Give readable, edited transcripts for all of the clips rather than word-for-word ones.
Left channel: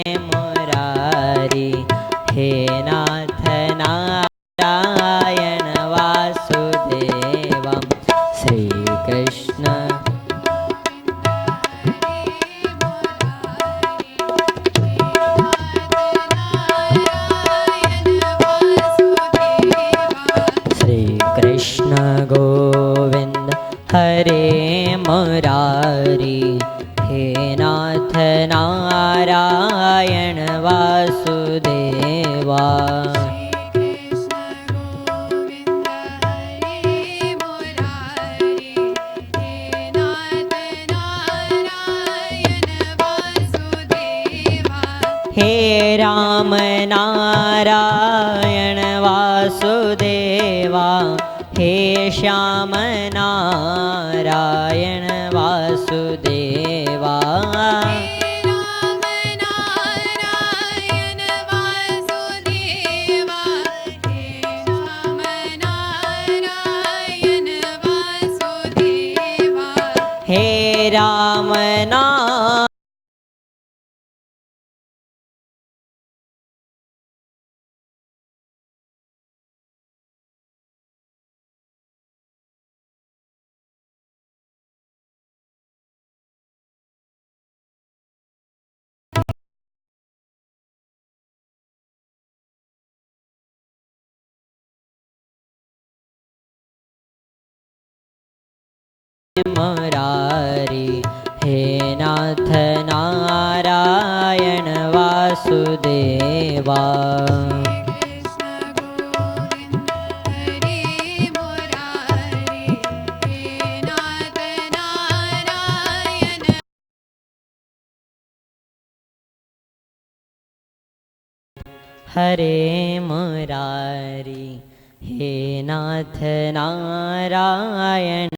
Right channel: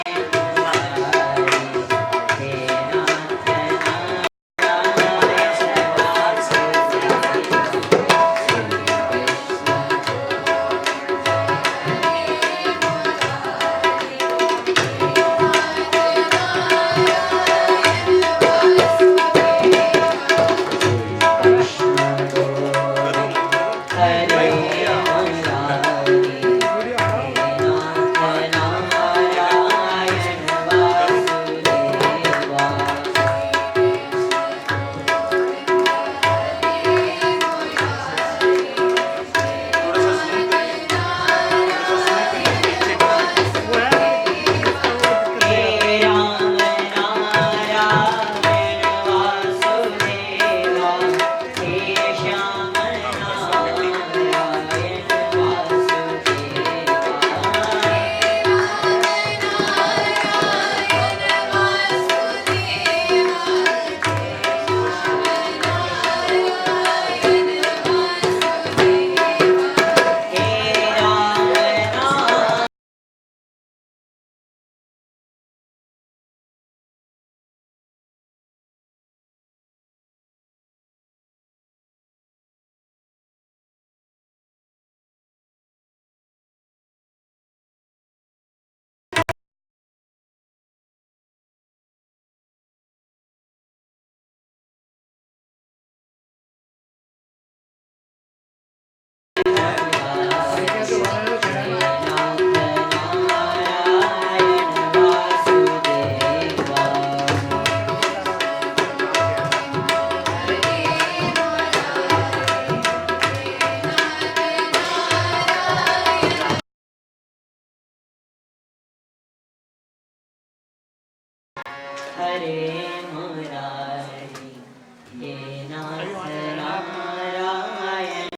मुरारी हे नाथ नारायण वासुदेवं श्री कृष्ण श्री कृष्ण गोविंद हरे मुरारी हे नाथ नारायण वासुदेवा हे राम नारायण वासुदेवा हे श्याम नारायण वासुदेवा हे राम नारायण मुरारी हे नाथ नारायण वासुदेवा हरे मुरारी हे नाथ Narayan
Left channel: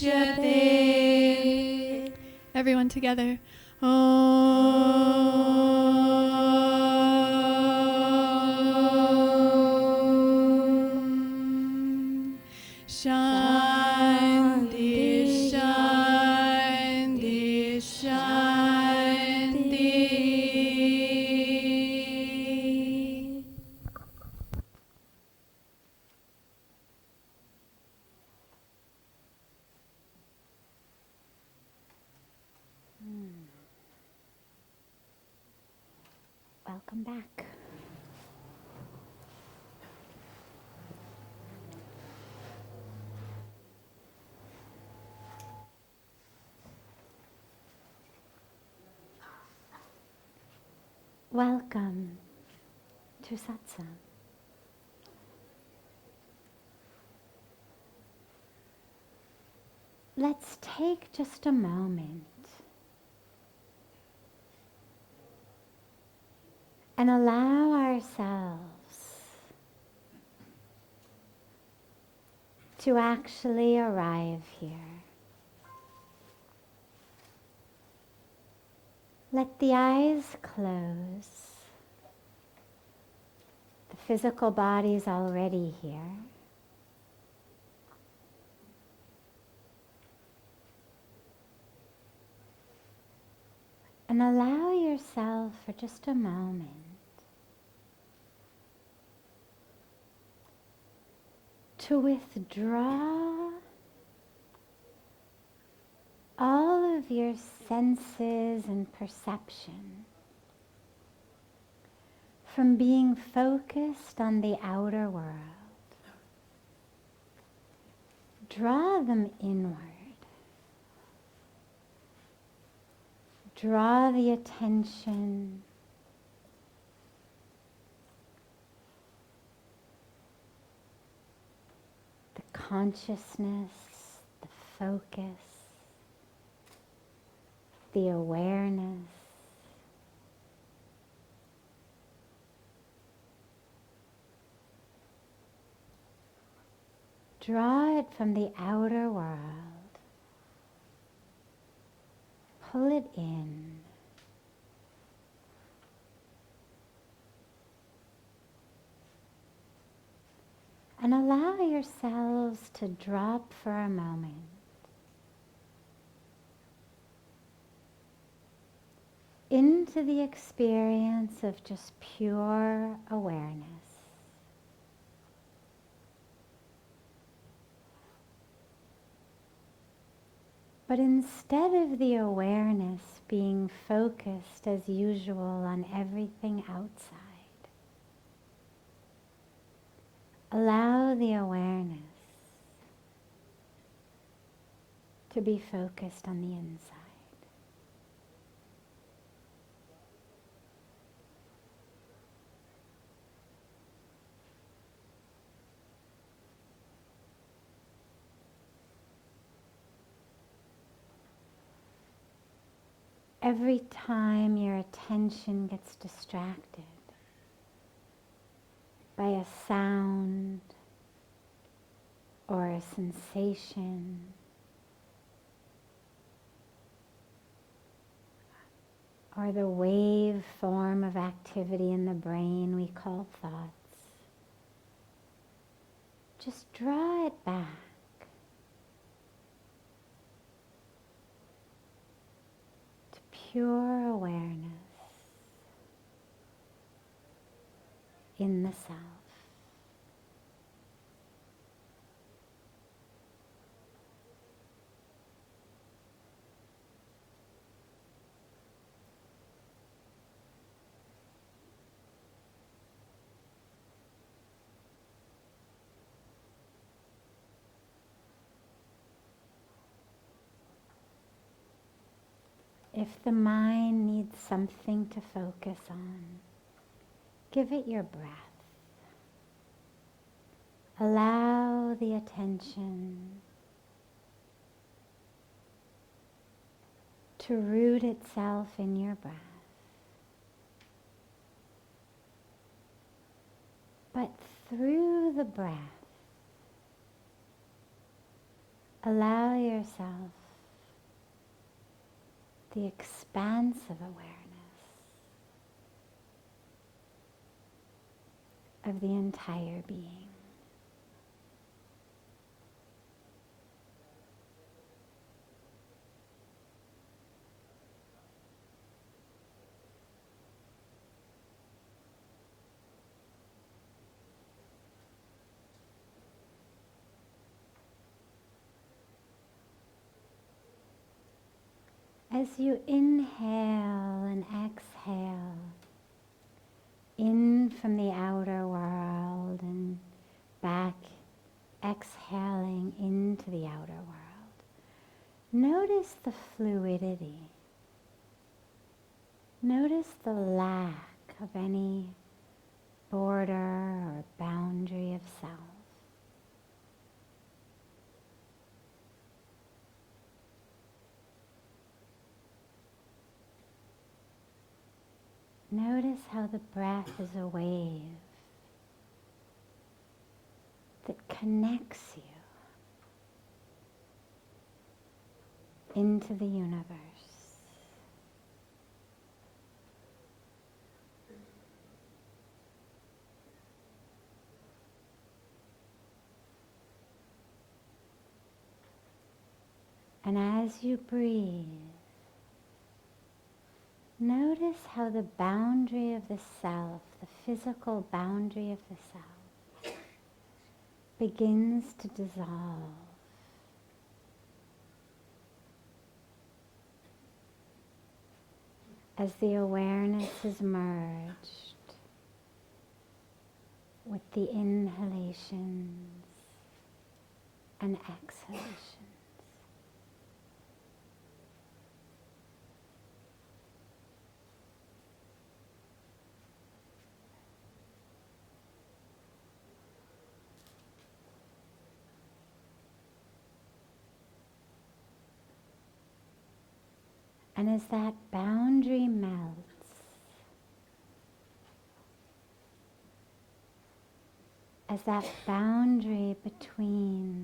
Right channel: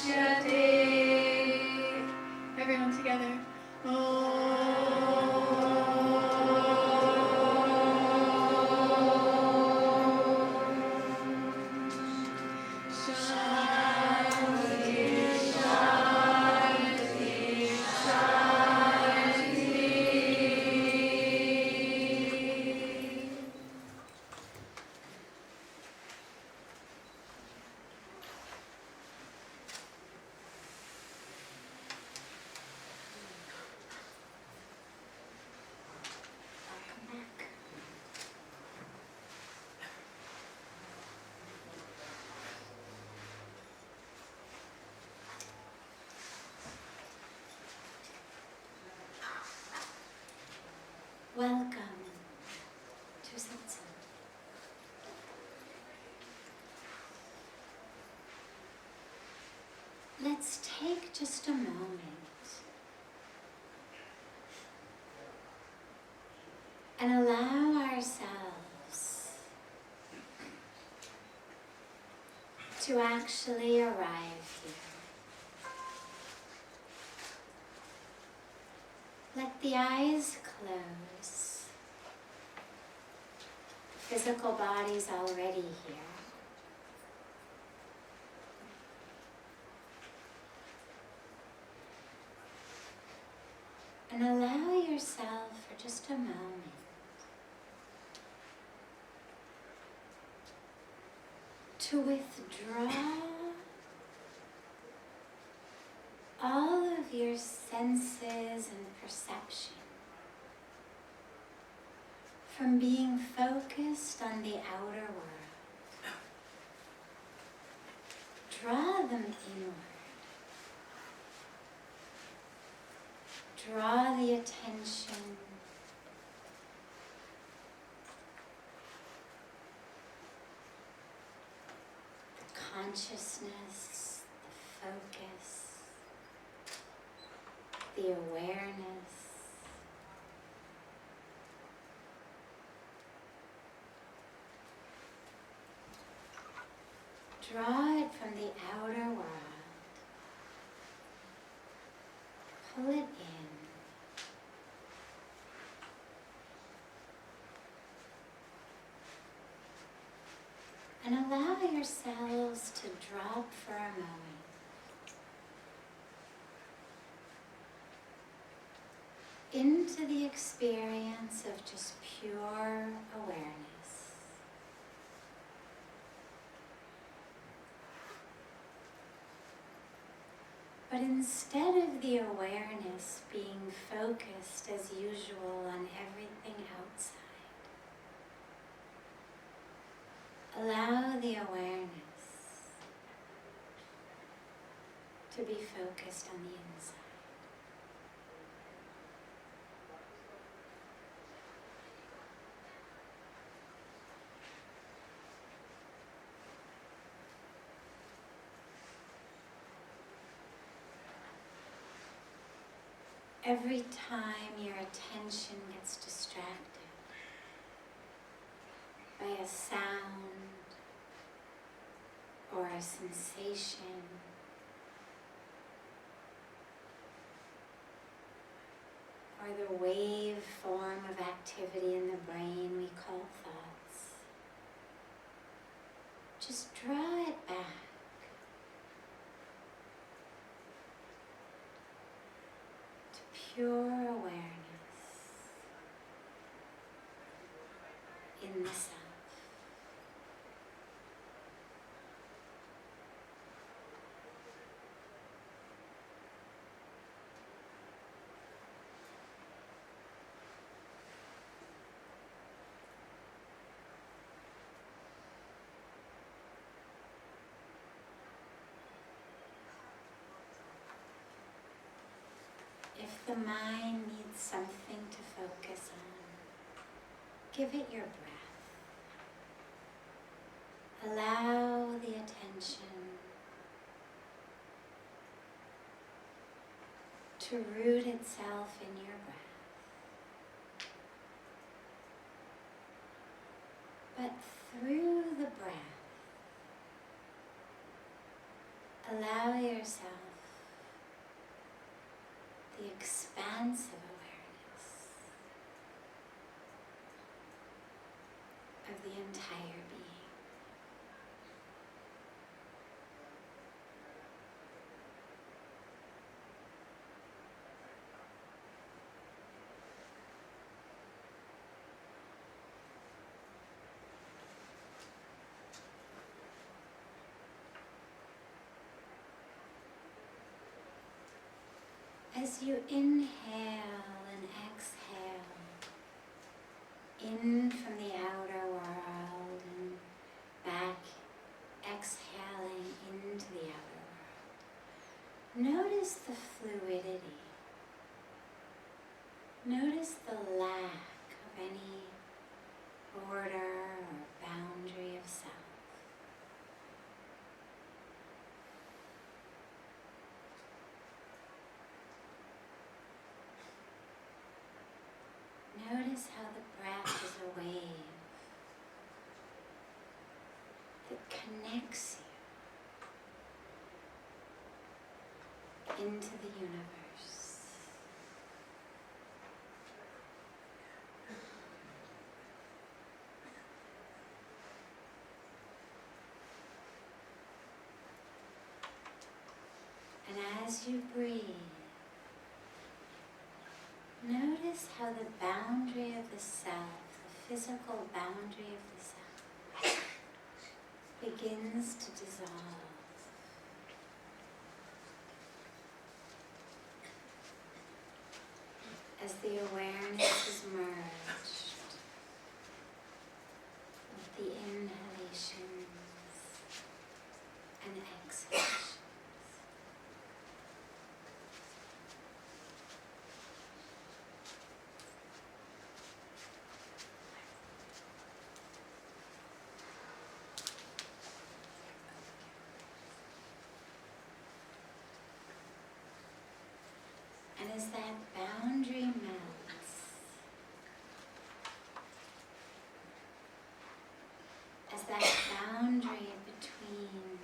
Drishyate. Everyone together. Shanti, Shanti, Shanti. Welcome back. Welcome to Satsang. Let's take just a moment and allow ourselves to actually arrive here. Let the eyes close. The physical body's already here. And allow yourself for just a moment to withdraw all of your senses and perception from being focused on the outer world. Draw them inward. Draw the attention the consciousness, the focus, the awareness draw it from the outer world. Pull it in. And allow yourselves to drop for a moment into the experience of just pure awareness. But instead of the awareness being focused as usual on everything outside, allow the awareness to be focused on the inside. Every time your attention gets distracted by a sound or a sensation, or the wave form of activity in the brain we call thoughts, just draw it back. Pure awareness in the self. If the mind needs something to focus on, give it your breath. Allow the attention to root itself in your breath. But through the breath, Allow yourself the expansive awareness of the entire being. As you inhale and exhale in from the outer world and back, exhaling into the outer world, notice the fluidity. Notice the lack of any border or boundary of self. Notice how the breath is a wave that connects you into the universe. And as you breathe, notice how the boundary of the self, the physical boundary of the self, begins to dissolve. As the awareness is merged with the inhalations and exhalations. And as that boundary melts, as that boundary between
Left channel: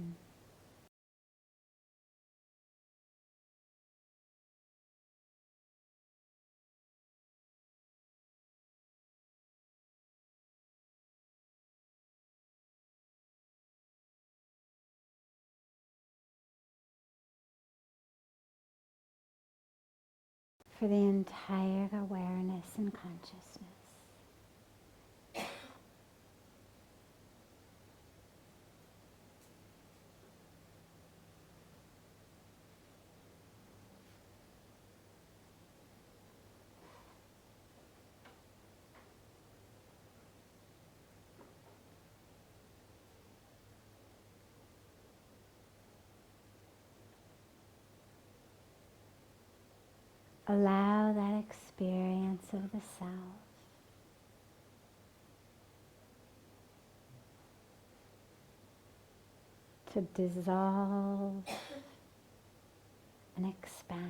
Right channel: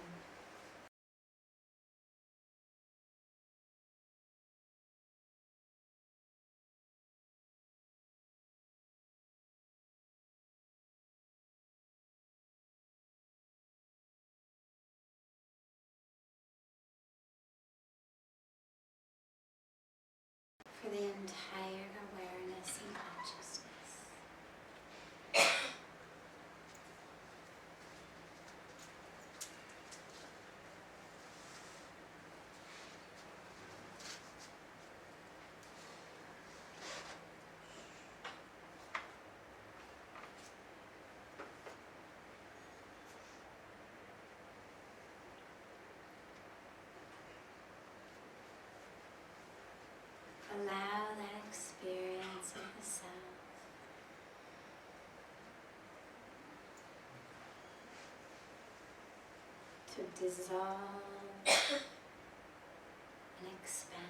for the entire awareness and consciousness. Allow that experience of the self to dissolve and expand.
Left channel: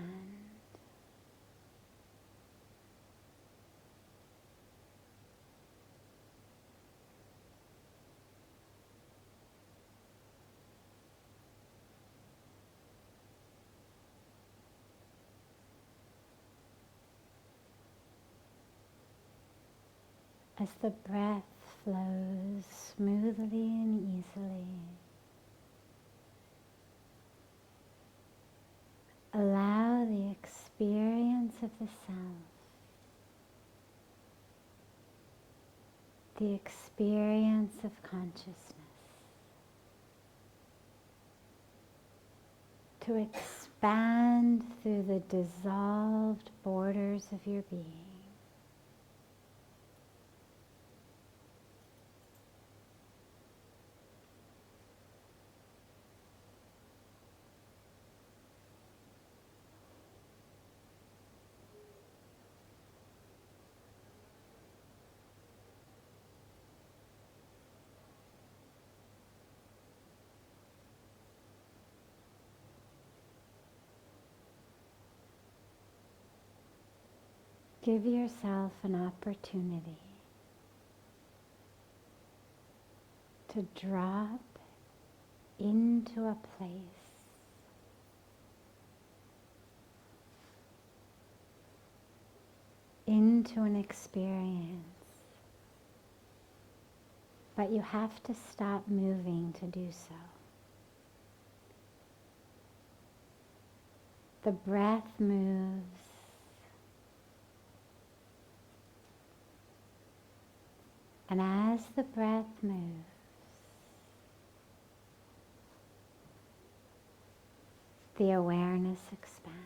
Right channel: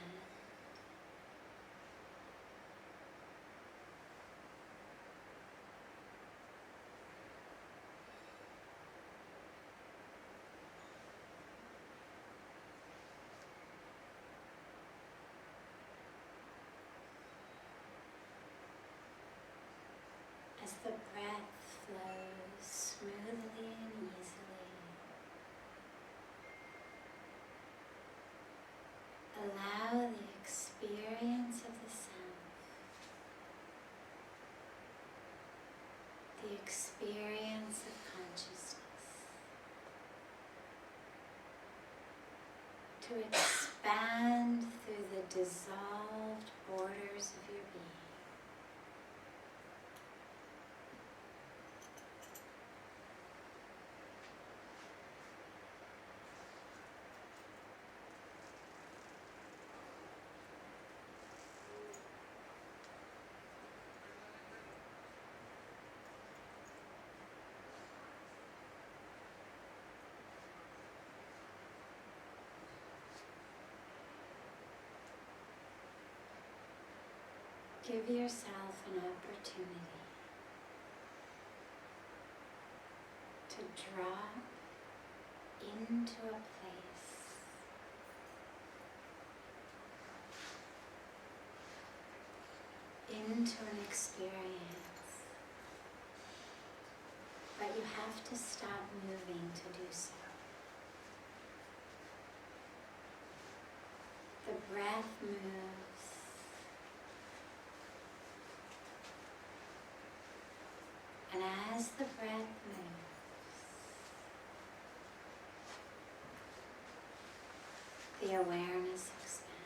As the breath flows smoothly and easily, allow the experience of the self, the experience of consciousness, to expand through the dissolved borders of your being. Give yourself an opportunity to drop into a place into an experience, but you have to stop moving to do so. The breath moves. And as the breath moves, the awareness expands.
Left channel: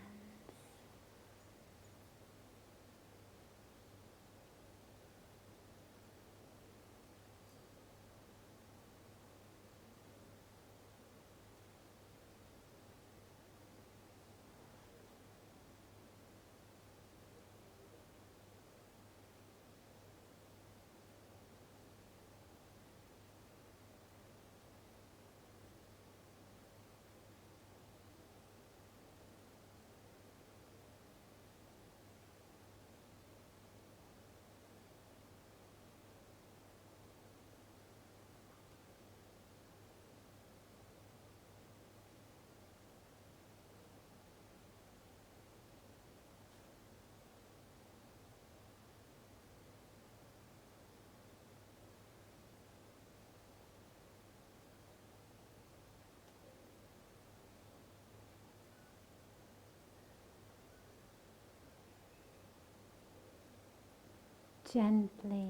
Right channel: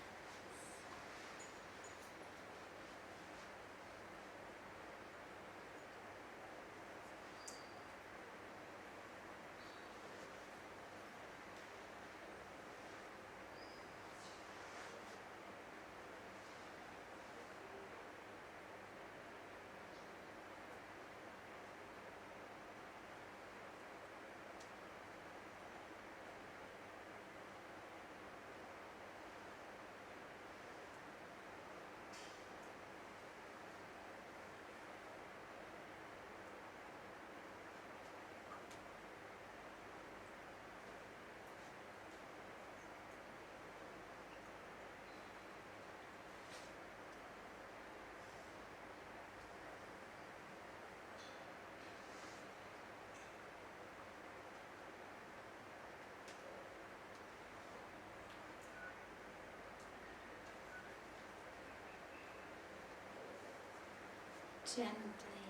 Gently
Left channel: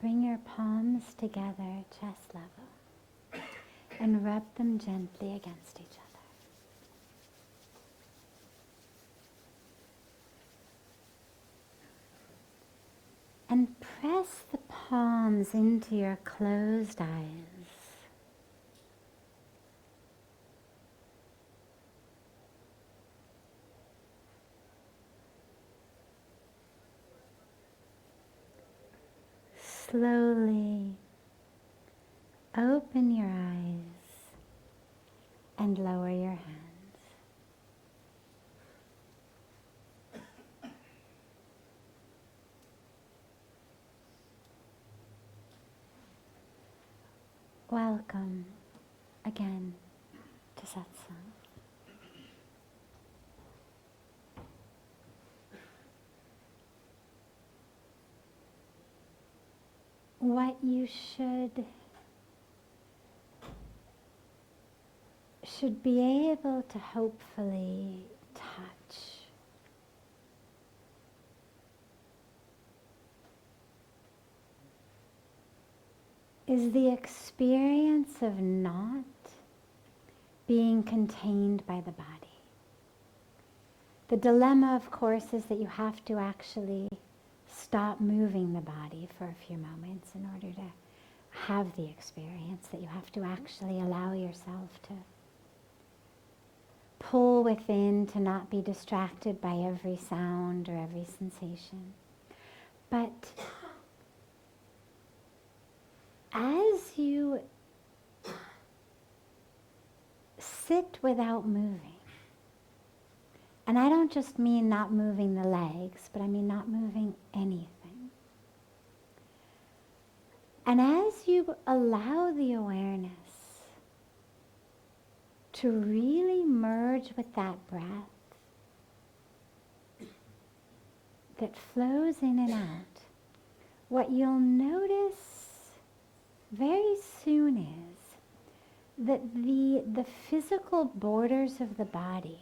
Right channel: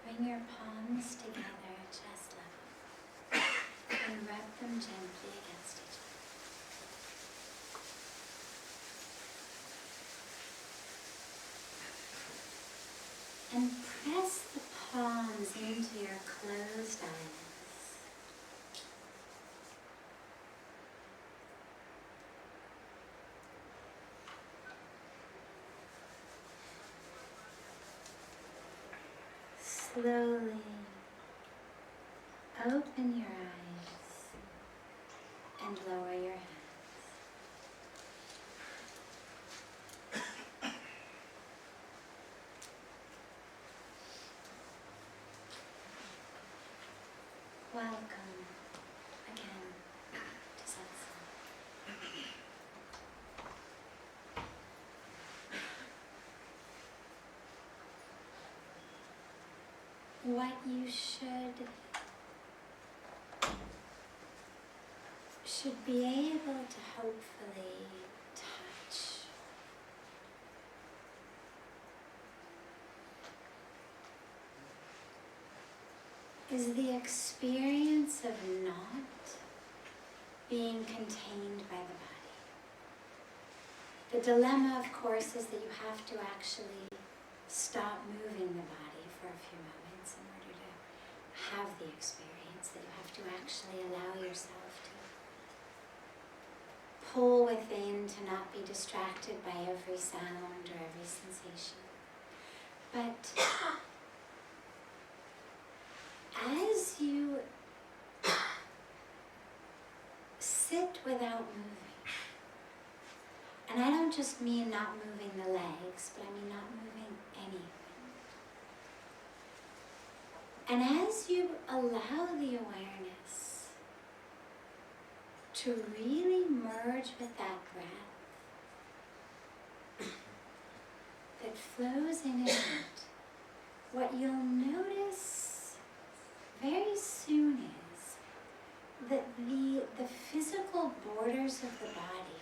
bring your palms together at chest level and rub them gently against each other. And press the palms into your closed eyes. Slowly open your eyes and lower your hands. Welcome again to Satsang. What you should be able to hopefully touch is the experience of not being contained by the body. The dilemma, of course, is that you have to actually stop moving the body for a few moments in order to have the experience, that you have to actually allow yourself to pull within, to not be distracted by every sound or every sensation. But as you sit without moving, and I don't just mean not moving the legs, but I mean not moving anything. And as you allow the awareness to really merge with that breath that flows in and out, what you'll notice very soon is that the physical borders of the body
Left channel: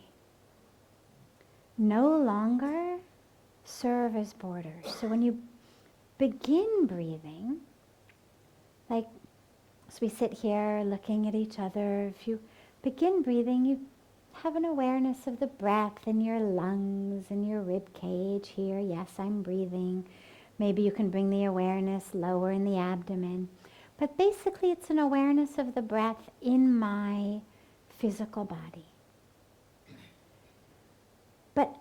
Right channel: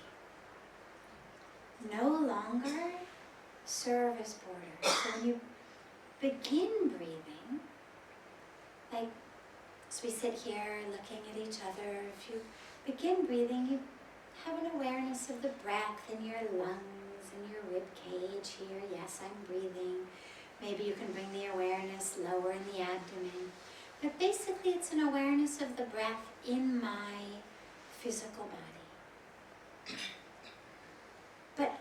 no longer serve as borders. So when you begin breathing, like as we sit here looking at each other, if you begin breathing, you have an awareness of the breath in your lungs and your rib cage here. Yes, I'm breathing. Maybe you can bring the awareness lower in the abdomen. But basically it's an awareness of the breath in my physical body. But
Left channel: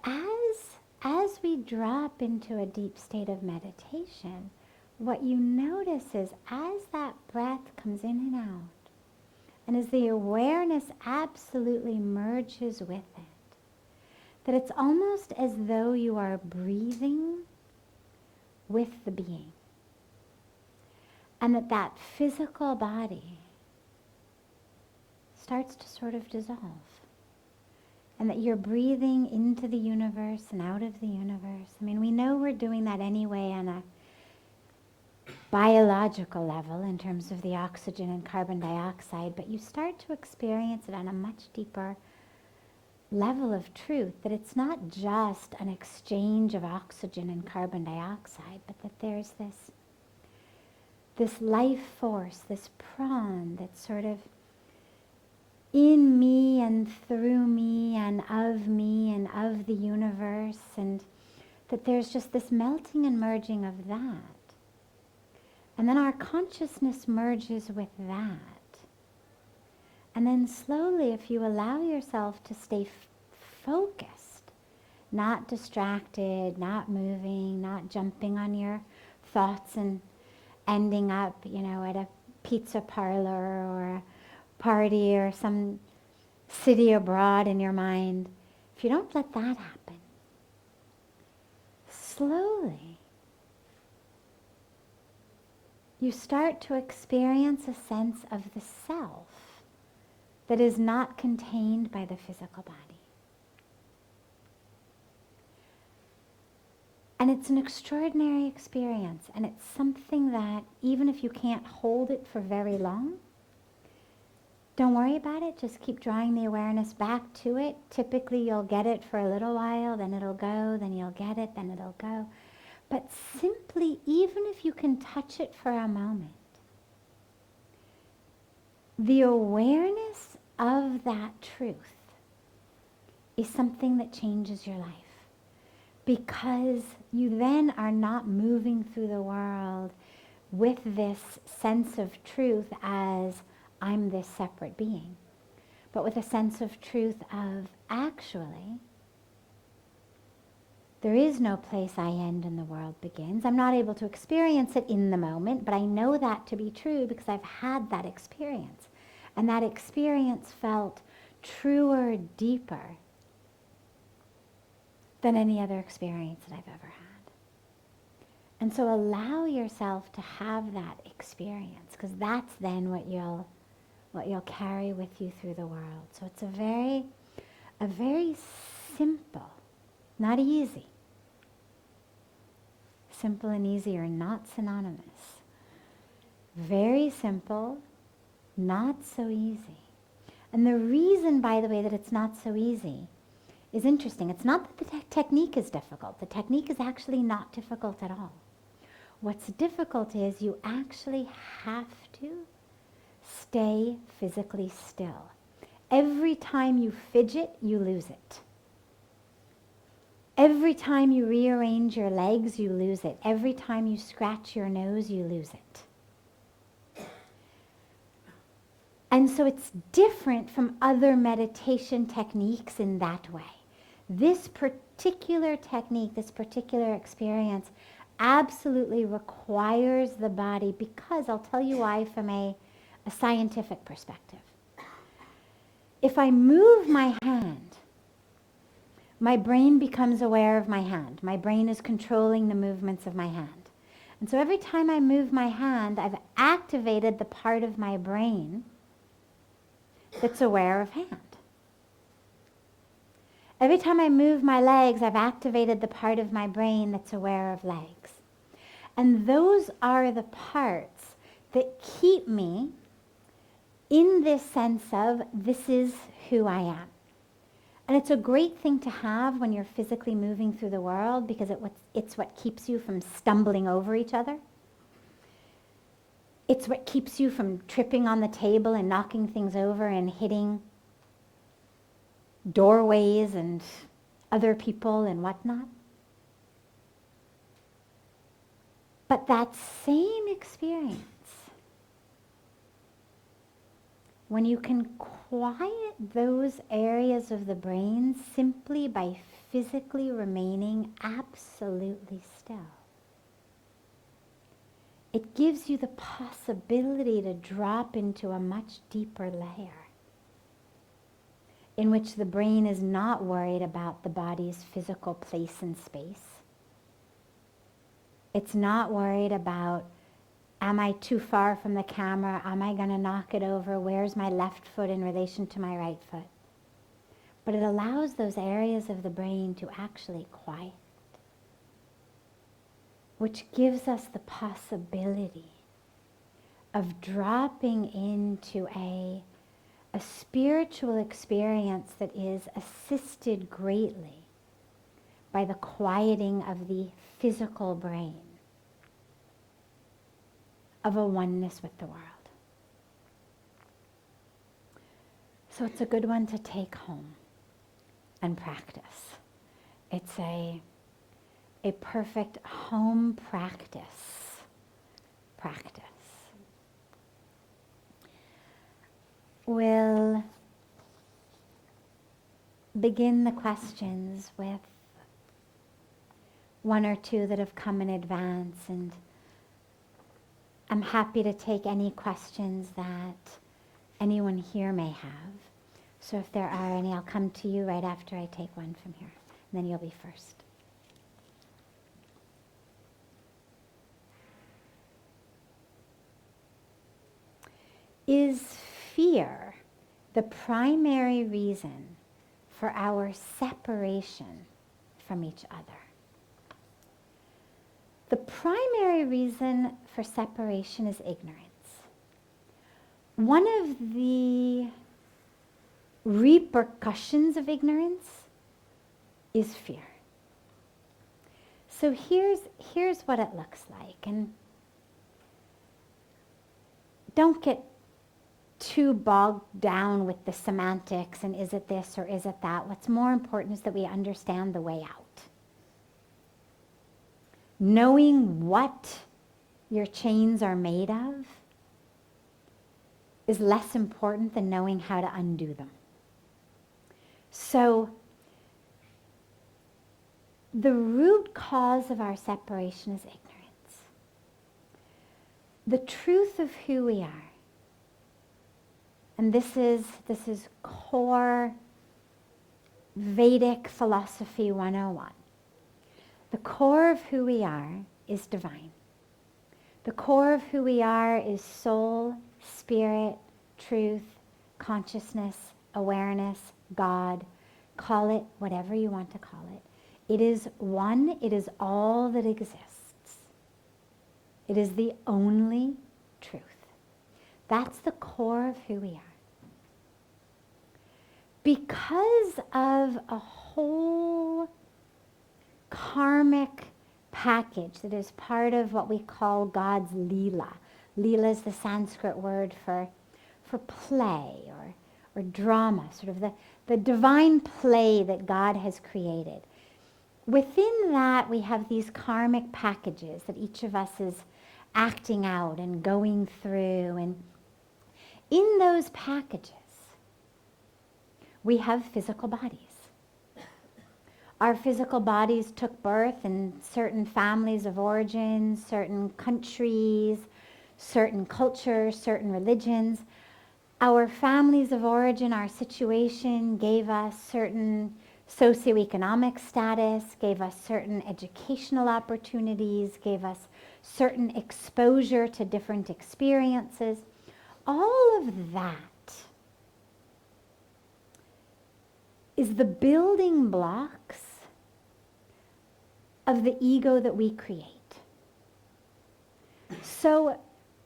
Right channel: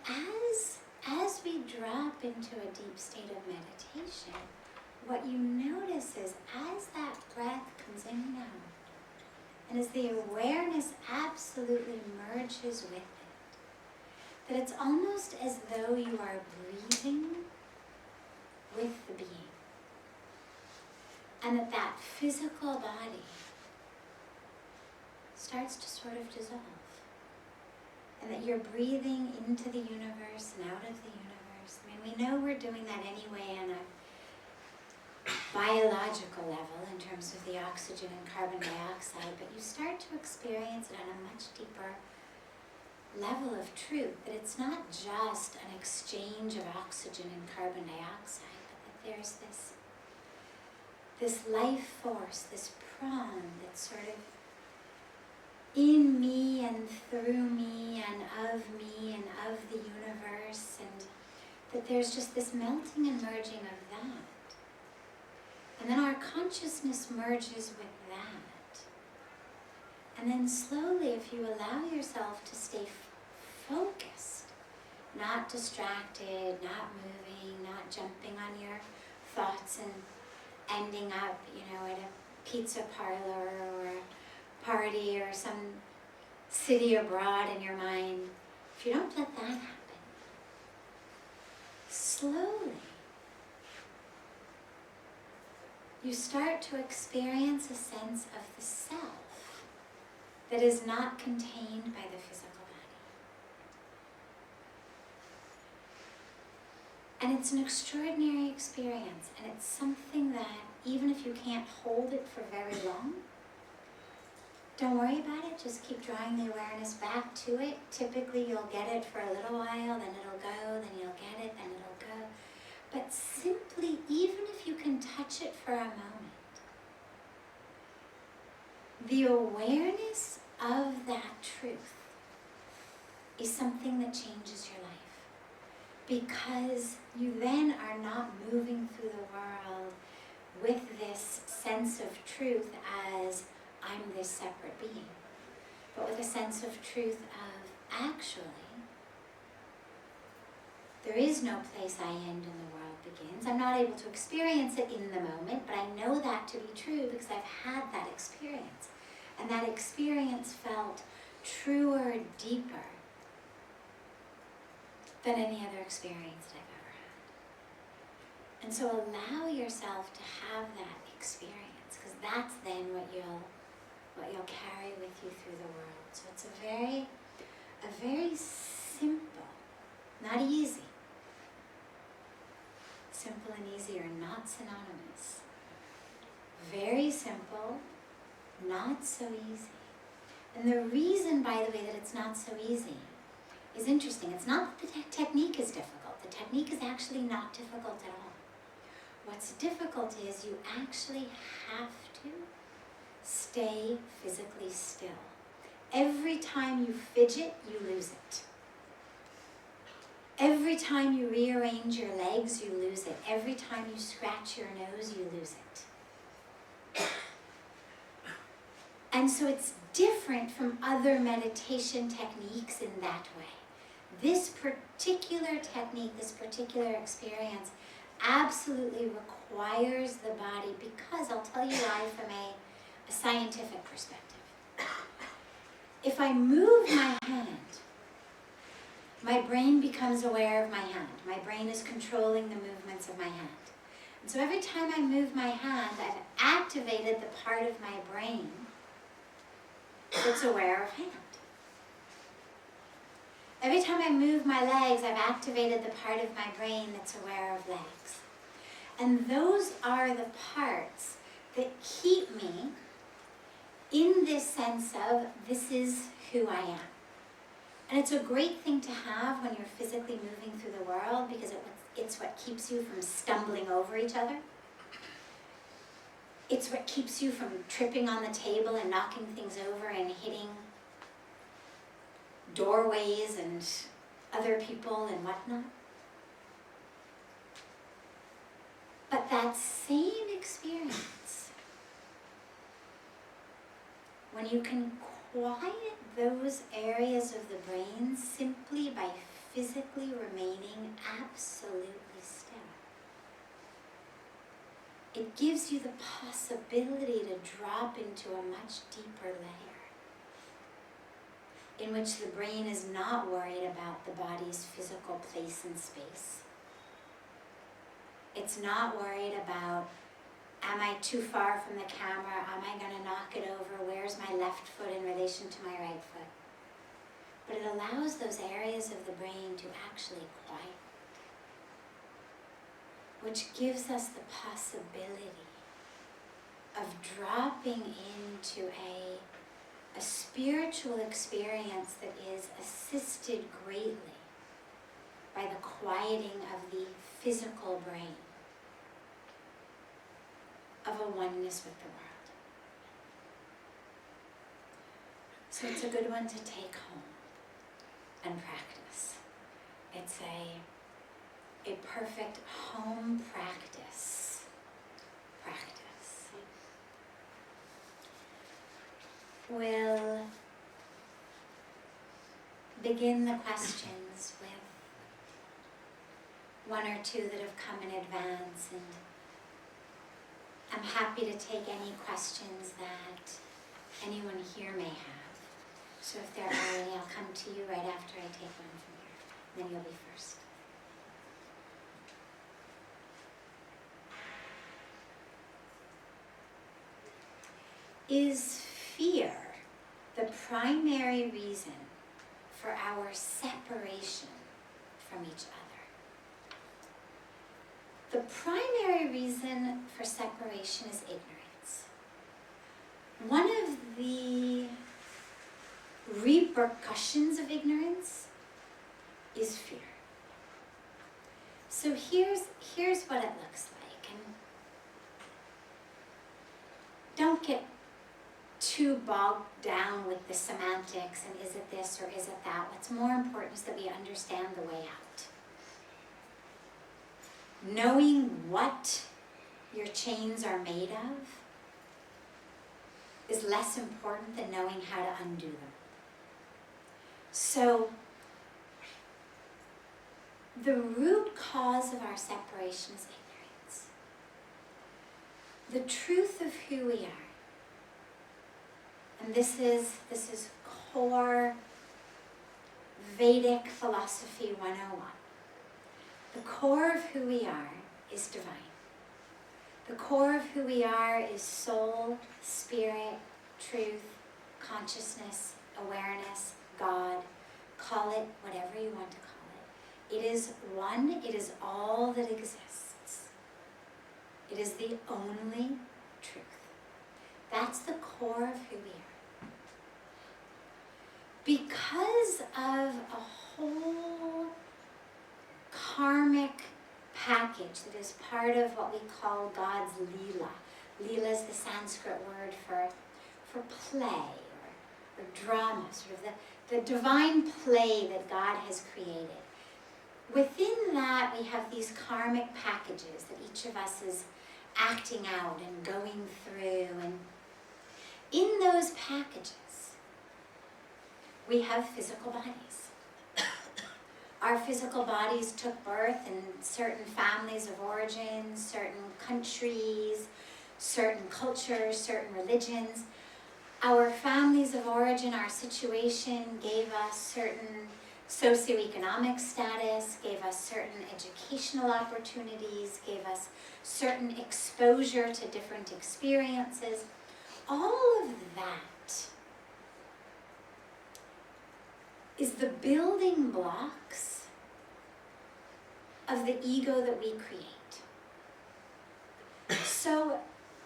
as we drop into a deep state of meditation, what you notice is as that breath comes in and out, and as the awareness absolutely merges with it, that it's almost as though you are breathing with the being. And that physical body starts to sort of dissolve. and that you're breathing into the universe and out of the universe. I mean, we know we're doing that anyway on a biological level in terms of the oxygen and carbon dioxide, but you start to experience it on a much deeper level of truth, that it's not just an exchange of oxygen and carbon dioxide, but that there's this life force, this prana that's sort of in me and through me and of the universe, and that there's just this melting and merging of that. And then our consciousness merges with that. And then slowly, if you allow yourself to stay focused, not distracted, not moving, not jumping on your thoughts and ending up, at a pizza parlor or a party or some city abroad in your mind, if you don't let that happen, slowly you start to experience a sense of the self that is not contained by the physical body. And it's an extraordinary experience, and it's something that even if you can't hold it for very long, don't worry about it, just keep drawing the awareness back to it. Typically you'll get it for a little while, then it'll go, then you'll get it, then it'll go. But simply, even if you can touch it for a moment, the awareness of that truth is something that changes your life. Because you then are not moving through the world with this sense of truth as I'm this separate being, but with a sense of truth of actually, there is no place I end and the world begins. I'm not able to experience it in the moment, but I know that to be true because I've had that experience. And that experience felt truer, deeper than any other experience that I've ever had. And so allow yourself to have that experience, because that's then what you'll carry with you through the world. So it's a very simple, not easy. Simple and easy are not synonymous. Very simple, not so easy. And the reason, by the way, that it's not so easy is interesting. It's not that the technique is difficult. The technique is actually not difficult at all. What's difficult is you actually have to stay physically still. Every time you fidget, you lose it. Every time you rearrange your legs, you lose it. Every time you scratch your nose, you lose it. And so it's different from other meditation techniques in that way. This particular technique, this particular experience absolutely requires the body, because I'll tell you why from a scientific perspective. If I move my hand, my brain becomes aware of my hand. My brain is controlling the movements of my hand. And so every time I move my hand, I've activated the part of my brain that's aware of hand. Every time I move my legs, I've activated the part of my brain that's aware of legs. And those are the parts that keep me in this sense of this is who I am. And it's a great thing to have when you're physically moving through the world, because it's what keeps you from stumbling over each other. It's what keeps you from tripping on the table and knocking things over and hitting doorways and other people and whatnot. But that same experience, when you can quiet those areas of the brain simply by physically remaining absolutely still, it gives you the possibility to drop into a much deeper layer in which the brain is not worried about the body's physical place in space. It's not worried about, am I too far from the camera? Am I going to knock it over? Where's my left foot in relation to my right foot? but it allows those areas of the brain to actually quiet, which gives us the possibility of dropping into a spiritual experience that is assisted greatly by the quieting of the physical brain, of a oneness with the world. So it's a good one to take home and practice. It's a perfect home practice. We'll begin the questions with one or two that have come in advance, and I'm happy to take any questions that anyone here may have. So if there are any, I'll come to you right after I take one from here, and then you'll be first. Is fear the primary reason for our separation from each other? The primary reason for separation is ignorance. One of the repercussions of ignorance is fear. So here's what it looks like, and don't get too bogged down with the semantics and is it this or is it that. What's more important is that we understand the way out. Knowing what your chains are made of is less important than knowing how to undo them. So the root cause of our separation is ignorance. The truth of who we are. And this is core Vedic philosophy 101. The core of who we are is divine. The core of who we are is soul, spirit, truth, consciousness, awareness, God. Call it whatever you want to call it. It is one, it is all that exists. It is the only truth. That's the core of who we are. Because of a whole karmic package that is part of what we call God's Leela. Leela is the Sanskrit word for play or drama, sort of the divine play that God has created. Within that, we have these karmic packages that each of us is acting out and going through. And in those packages, we have physical bodies. Our physical bodies took birth in certain families of origin, certain countries, certain cultures, certain religions. Our families of origin, our situation gave us certain socioeconomic status, gave us certain educational opportunities, gave us certain exposure to different experiences. All of that is the building blocks of the ego that we create. So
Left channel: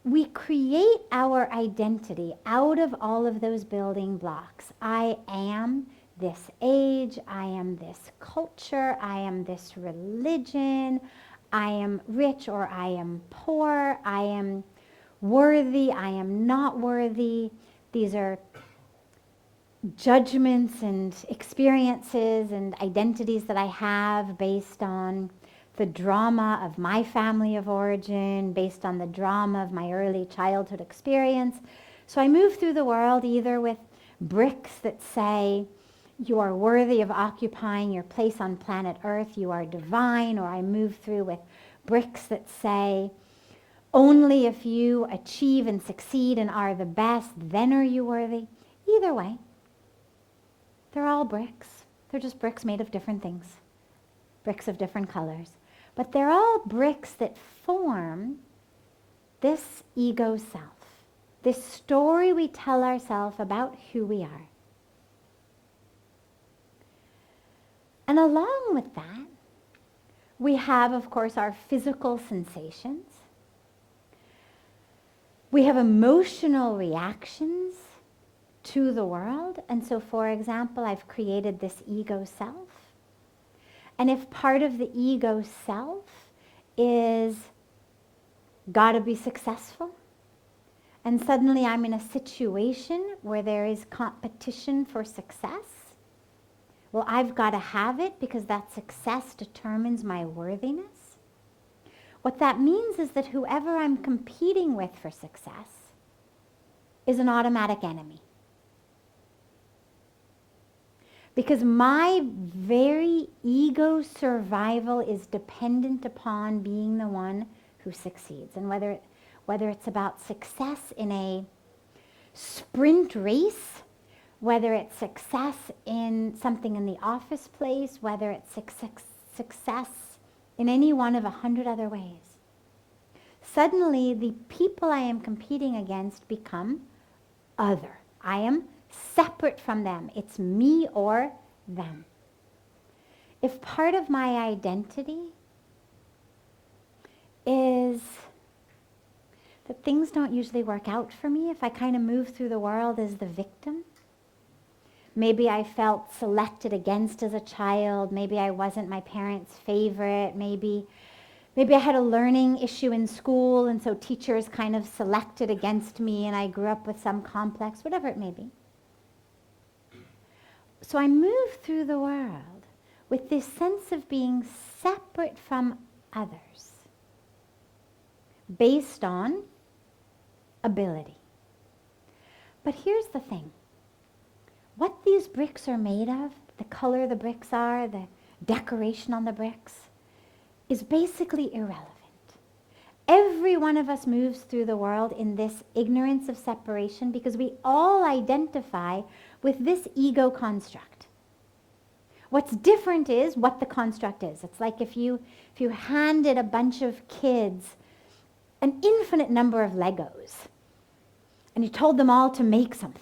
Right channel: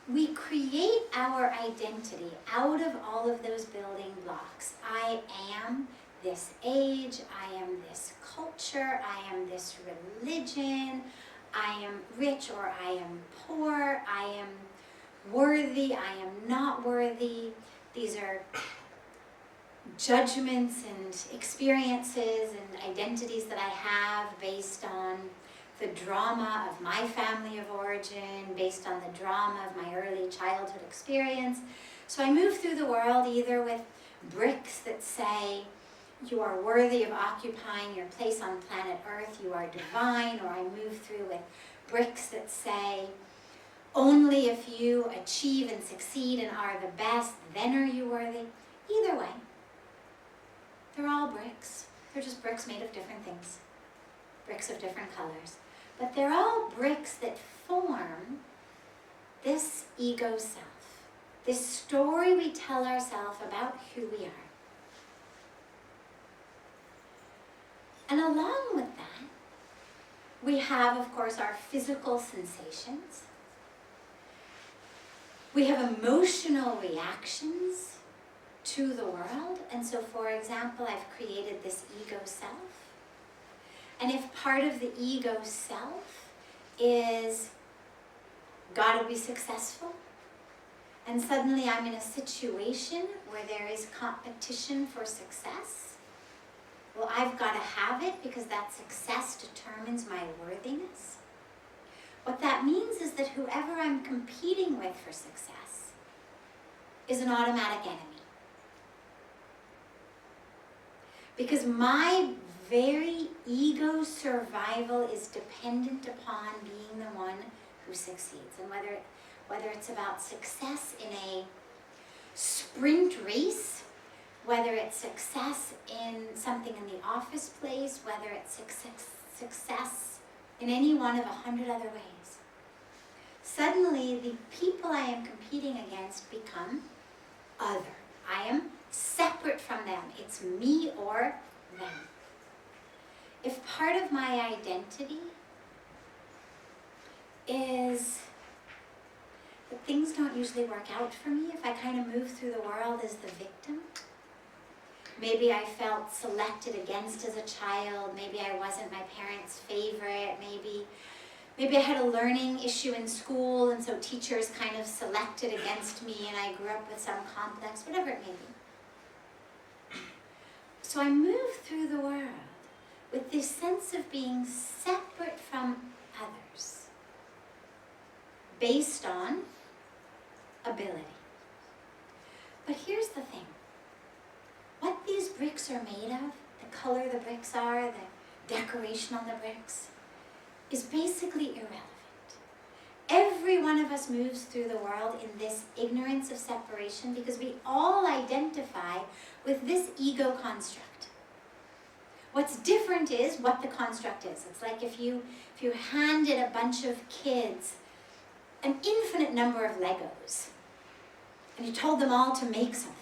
we create our identity out of all of those building blocks. I am this age, I am this culture, I am this religion, I am rich or I am poor, I am worthy, I am not worthy. These are judgments and experiences and identities that I have based on the drama of my family of origin, based on the drama of my early childhood experience. So I move through the world either with bricks that say, you are worthy of occupying your place on planet Earth, you are divine, or I move through with bricks that say, only if you achieve and succeed and are the best, then are you worthy. Either way, they're all bricks. They're just bricks made of different things, bricks of different colors. But they're all bricks that form this ego self, this story we tell ourselves about who we are. And along with that, we have, of course, our physical sensations. We have emotional reactions to the world. And so, for example, I've created this ego self. And if part of the ego self is gotta be successful, and suddenly I'm in a situation where there is competition for success, well, I've got to have it because that success determines my worthiness. What that means is that whoever I'm competing with for success is an automatic enemy. Because my very ego survival is dependent upon being the one who succeeds. And whether it's about success in a sprint race, whether it's success in something in the office place, whether it's success in any one of 100 other ways. Suddenly, the people I am competing against become other. I am separate from them. It's me or them. If part of my identity is that things don't usually work out for me, if I kind of move through the world as the victim, maybe I felt selected against as a child, maybe I wasn't my parents' favorite, maybe I had a learning issue in school and so teachers kind of selected against me and I grew up with some complex, whatever it may be. So I move through the world with this sense of being separate from others based on ability. But here's the thing. What these bricks are made of, the color the bricks are, the decoration on the bricks, is basically irrelevant. Every one of us moves through the world in this ignorance of separation because we all identify with this ego construct. What's different is what the construct is. It's like if you handed a bunch of kids an infinite number of Legos and you told them all to make something.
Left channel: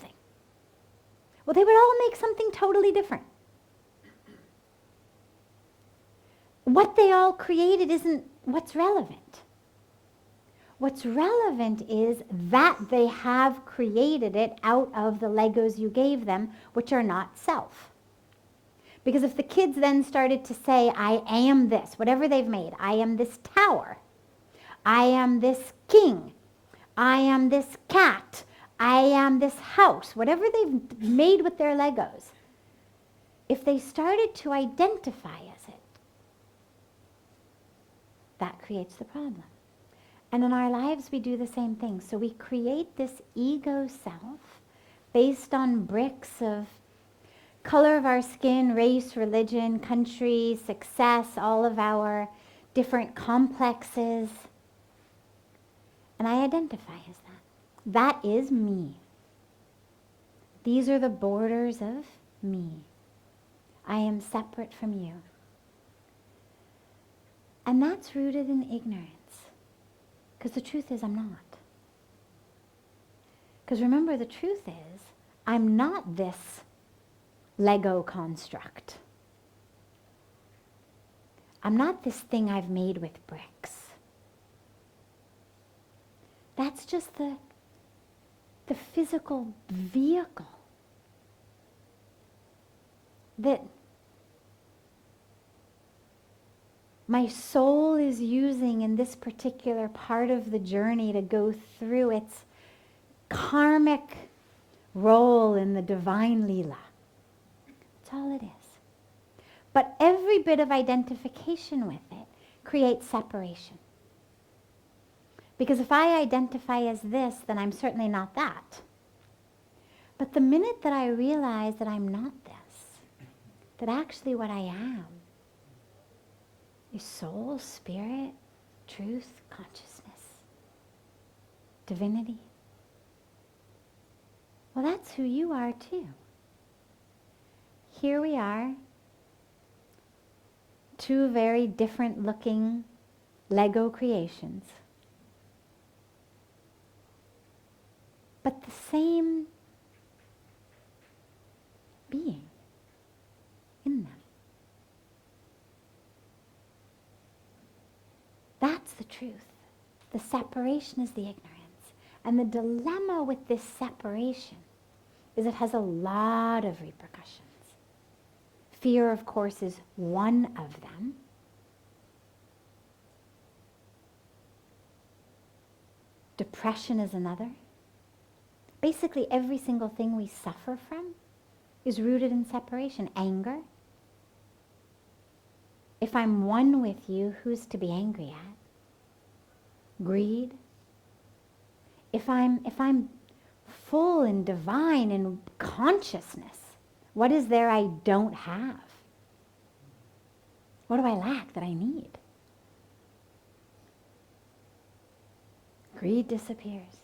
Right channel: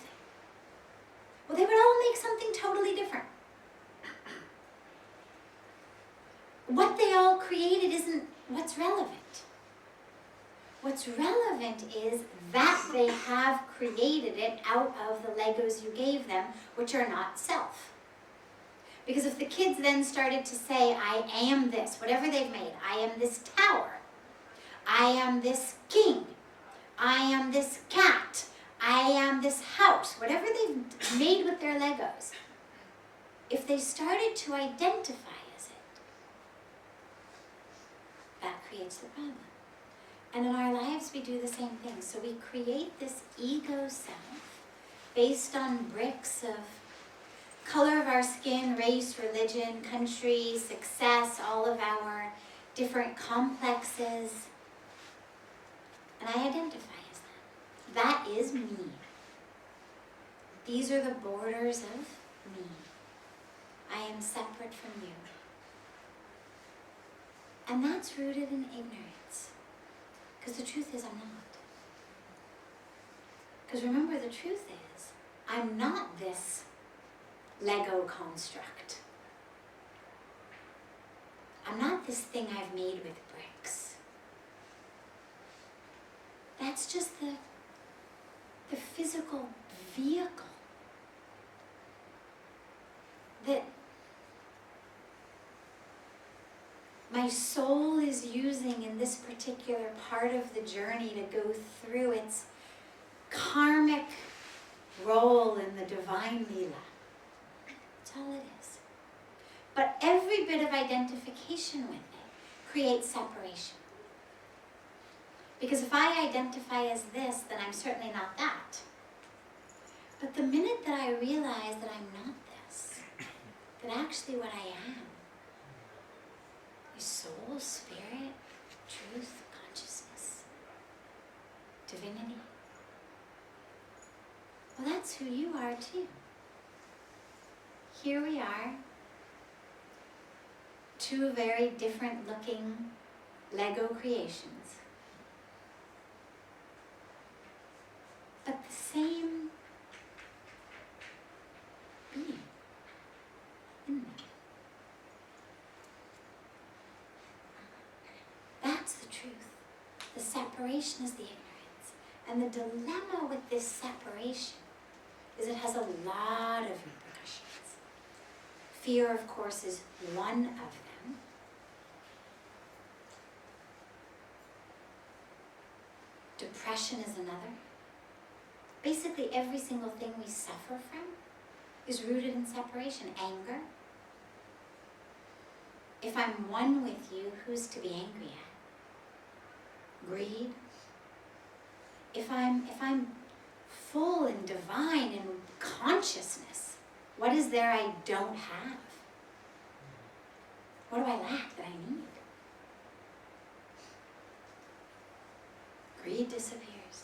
Well, they would all make something totally different. What they all created isn't what's relevant. What's relevant is that they have created it out of the Legos you gave them, which are not self. Because if the kids then started to say, I am this, whatever they've made, I am this tower, I am this king, I am this cat, I am this house, whatever they've made with their Legos, if they started to identify as it, that creates the problem. And in our lives, we do the same thing. So we create this ego self based on bricks of color of our skin, race, religion, country, success, all of our different complexes. And I identify as that. That is me. These are the borders of me. I am separate from you. And that's rooted in ignorance. Because the truth is I'm not. Because remember, the truth is I'm not this Lego construct. I'm not this thing I've made with bricks. That's just the physical vehicle that my soul is using in this particular part of the journey to go through its karmic role in the divine Leela. That's all it is. But every bit of identification with it creates separation. Because if I identify as this, then I'm certainly not that. But the minute that I realize that I'm not this, that actually what I am is soul, spirit, truth, consciousness, divinity. Well, that's who you are too. Here we are, two very different looking Lego creations, but the same being in them. truth. The separation is the ignorance. And the dilemma with this separation is it has a lot of repercussions. Fear, of course, is one of them. Depression is another. Basically, every single thing we suffer from is rooted in separation. Anger. If I'm one with you, who's to be angry at? Greed. If I'm full and divine in consciousness, what is there I don't have? What do I lack that I need? Greed disappears.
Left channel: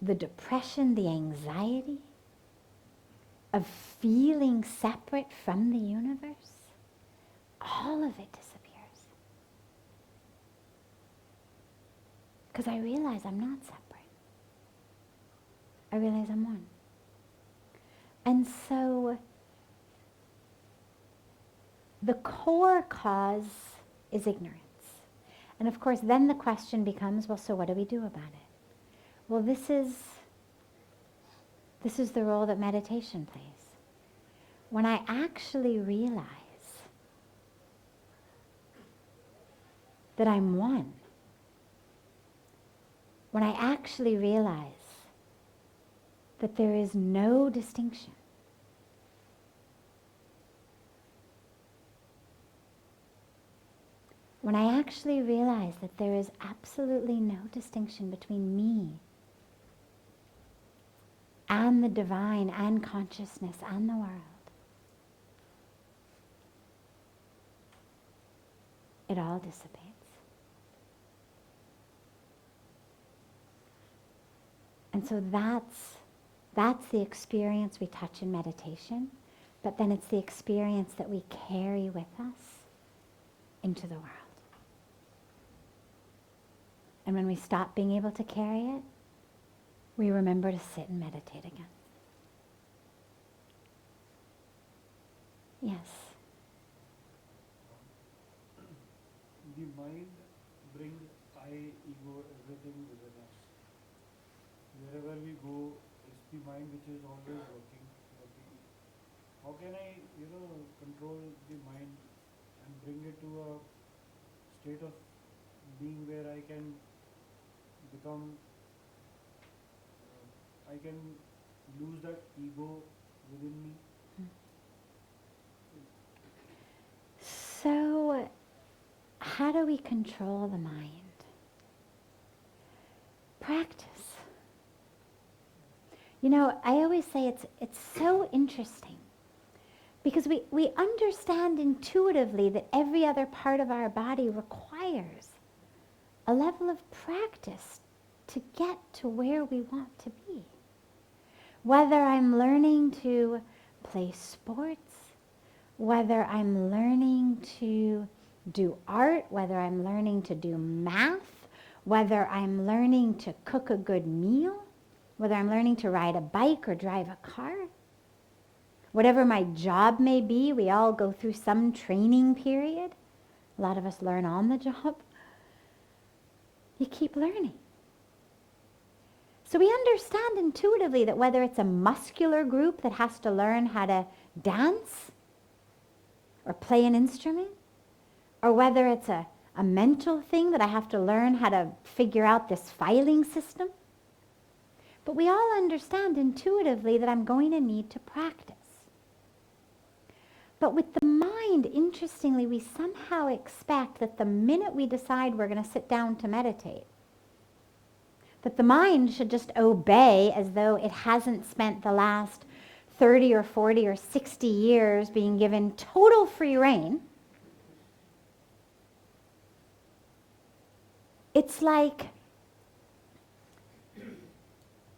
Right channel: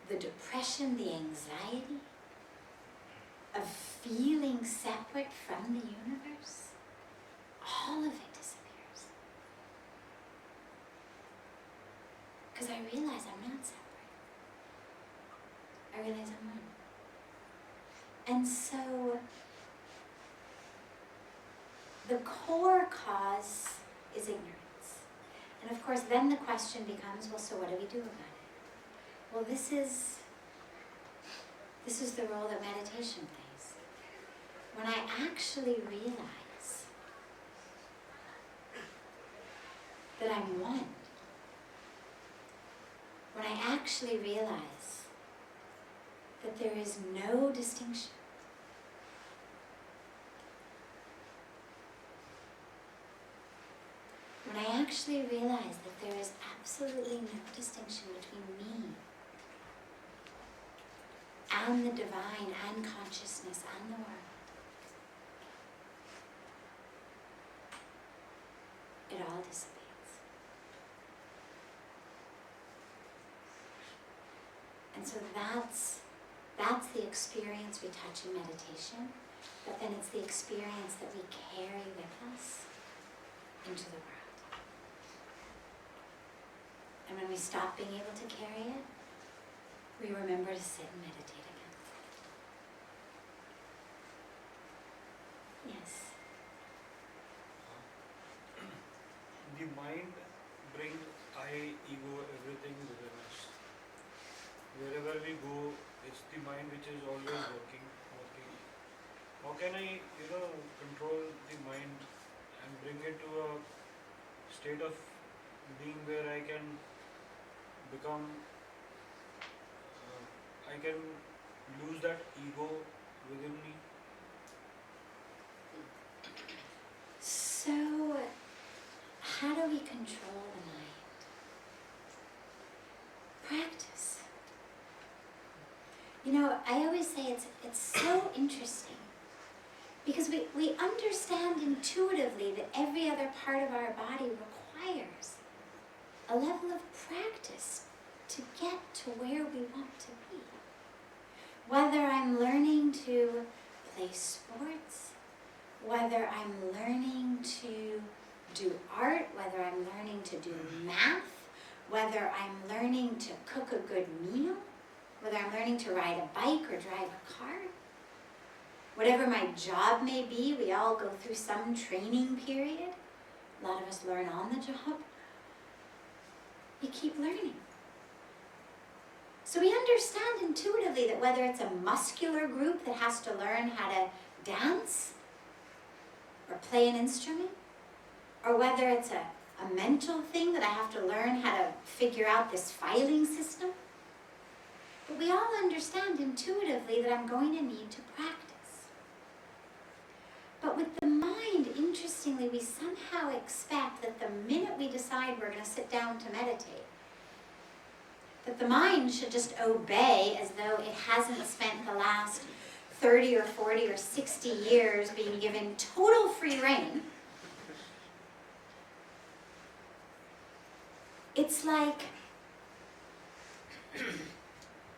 The depression, the anxiety of feeling separate from the universe, all of it disappears. Because I realize I'm not separate. I realize I'm one. And so the core cause is ignorance. And of course, then the question becomes, well, so what do we do about it? Well, this is the role that meditation plays. When I actually realize that I'm one, when I actually realize that there is no distinction, when I actually realize that there is absolutely no distinction between me and the divine and consciousness and the world, it all dissipates. And so that's the experience we touch in meditation, but then it's the experience that we carry with us into the world. And when we stop being able to carry it, we remember to sit and meditate again. Yes. The mind brings I, ego, everything within us. Wherever we go, it's the mind which is always working. How can I, control the mind and bring it to a state of being where I can become, I can lose that ego within me? So, how do we control the mind? Practice. I always say it's so interesting because we understand intuitively that every other part of our body requires a level of practice to get to where we want to be. Whether I'm learning to play sports, whether I'm learning to do art, whether I'm learning to do math, whether I'm learning to cook a good meal, whether I'm learning to ride a bike or drive a car, whatever my job may be, we all go through some training period. A lot of us learn on the job. You keep learning. So we understand intuitively that whether it's a muscular group that has to learn how to dance or play an instrument, or whether it's a mental thing that I have to learn how to figure out this filing system, but we all understand intuitively that I'm going to need to practice. But with the mind, interestingly, we somehow expect that the minute we decide we're going to sit down to meditate, that the mind should just obey as though it hasn't spent the last 30 or 40 or 60 years being given total free rein. It's like,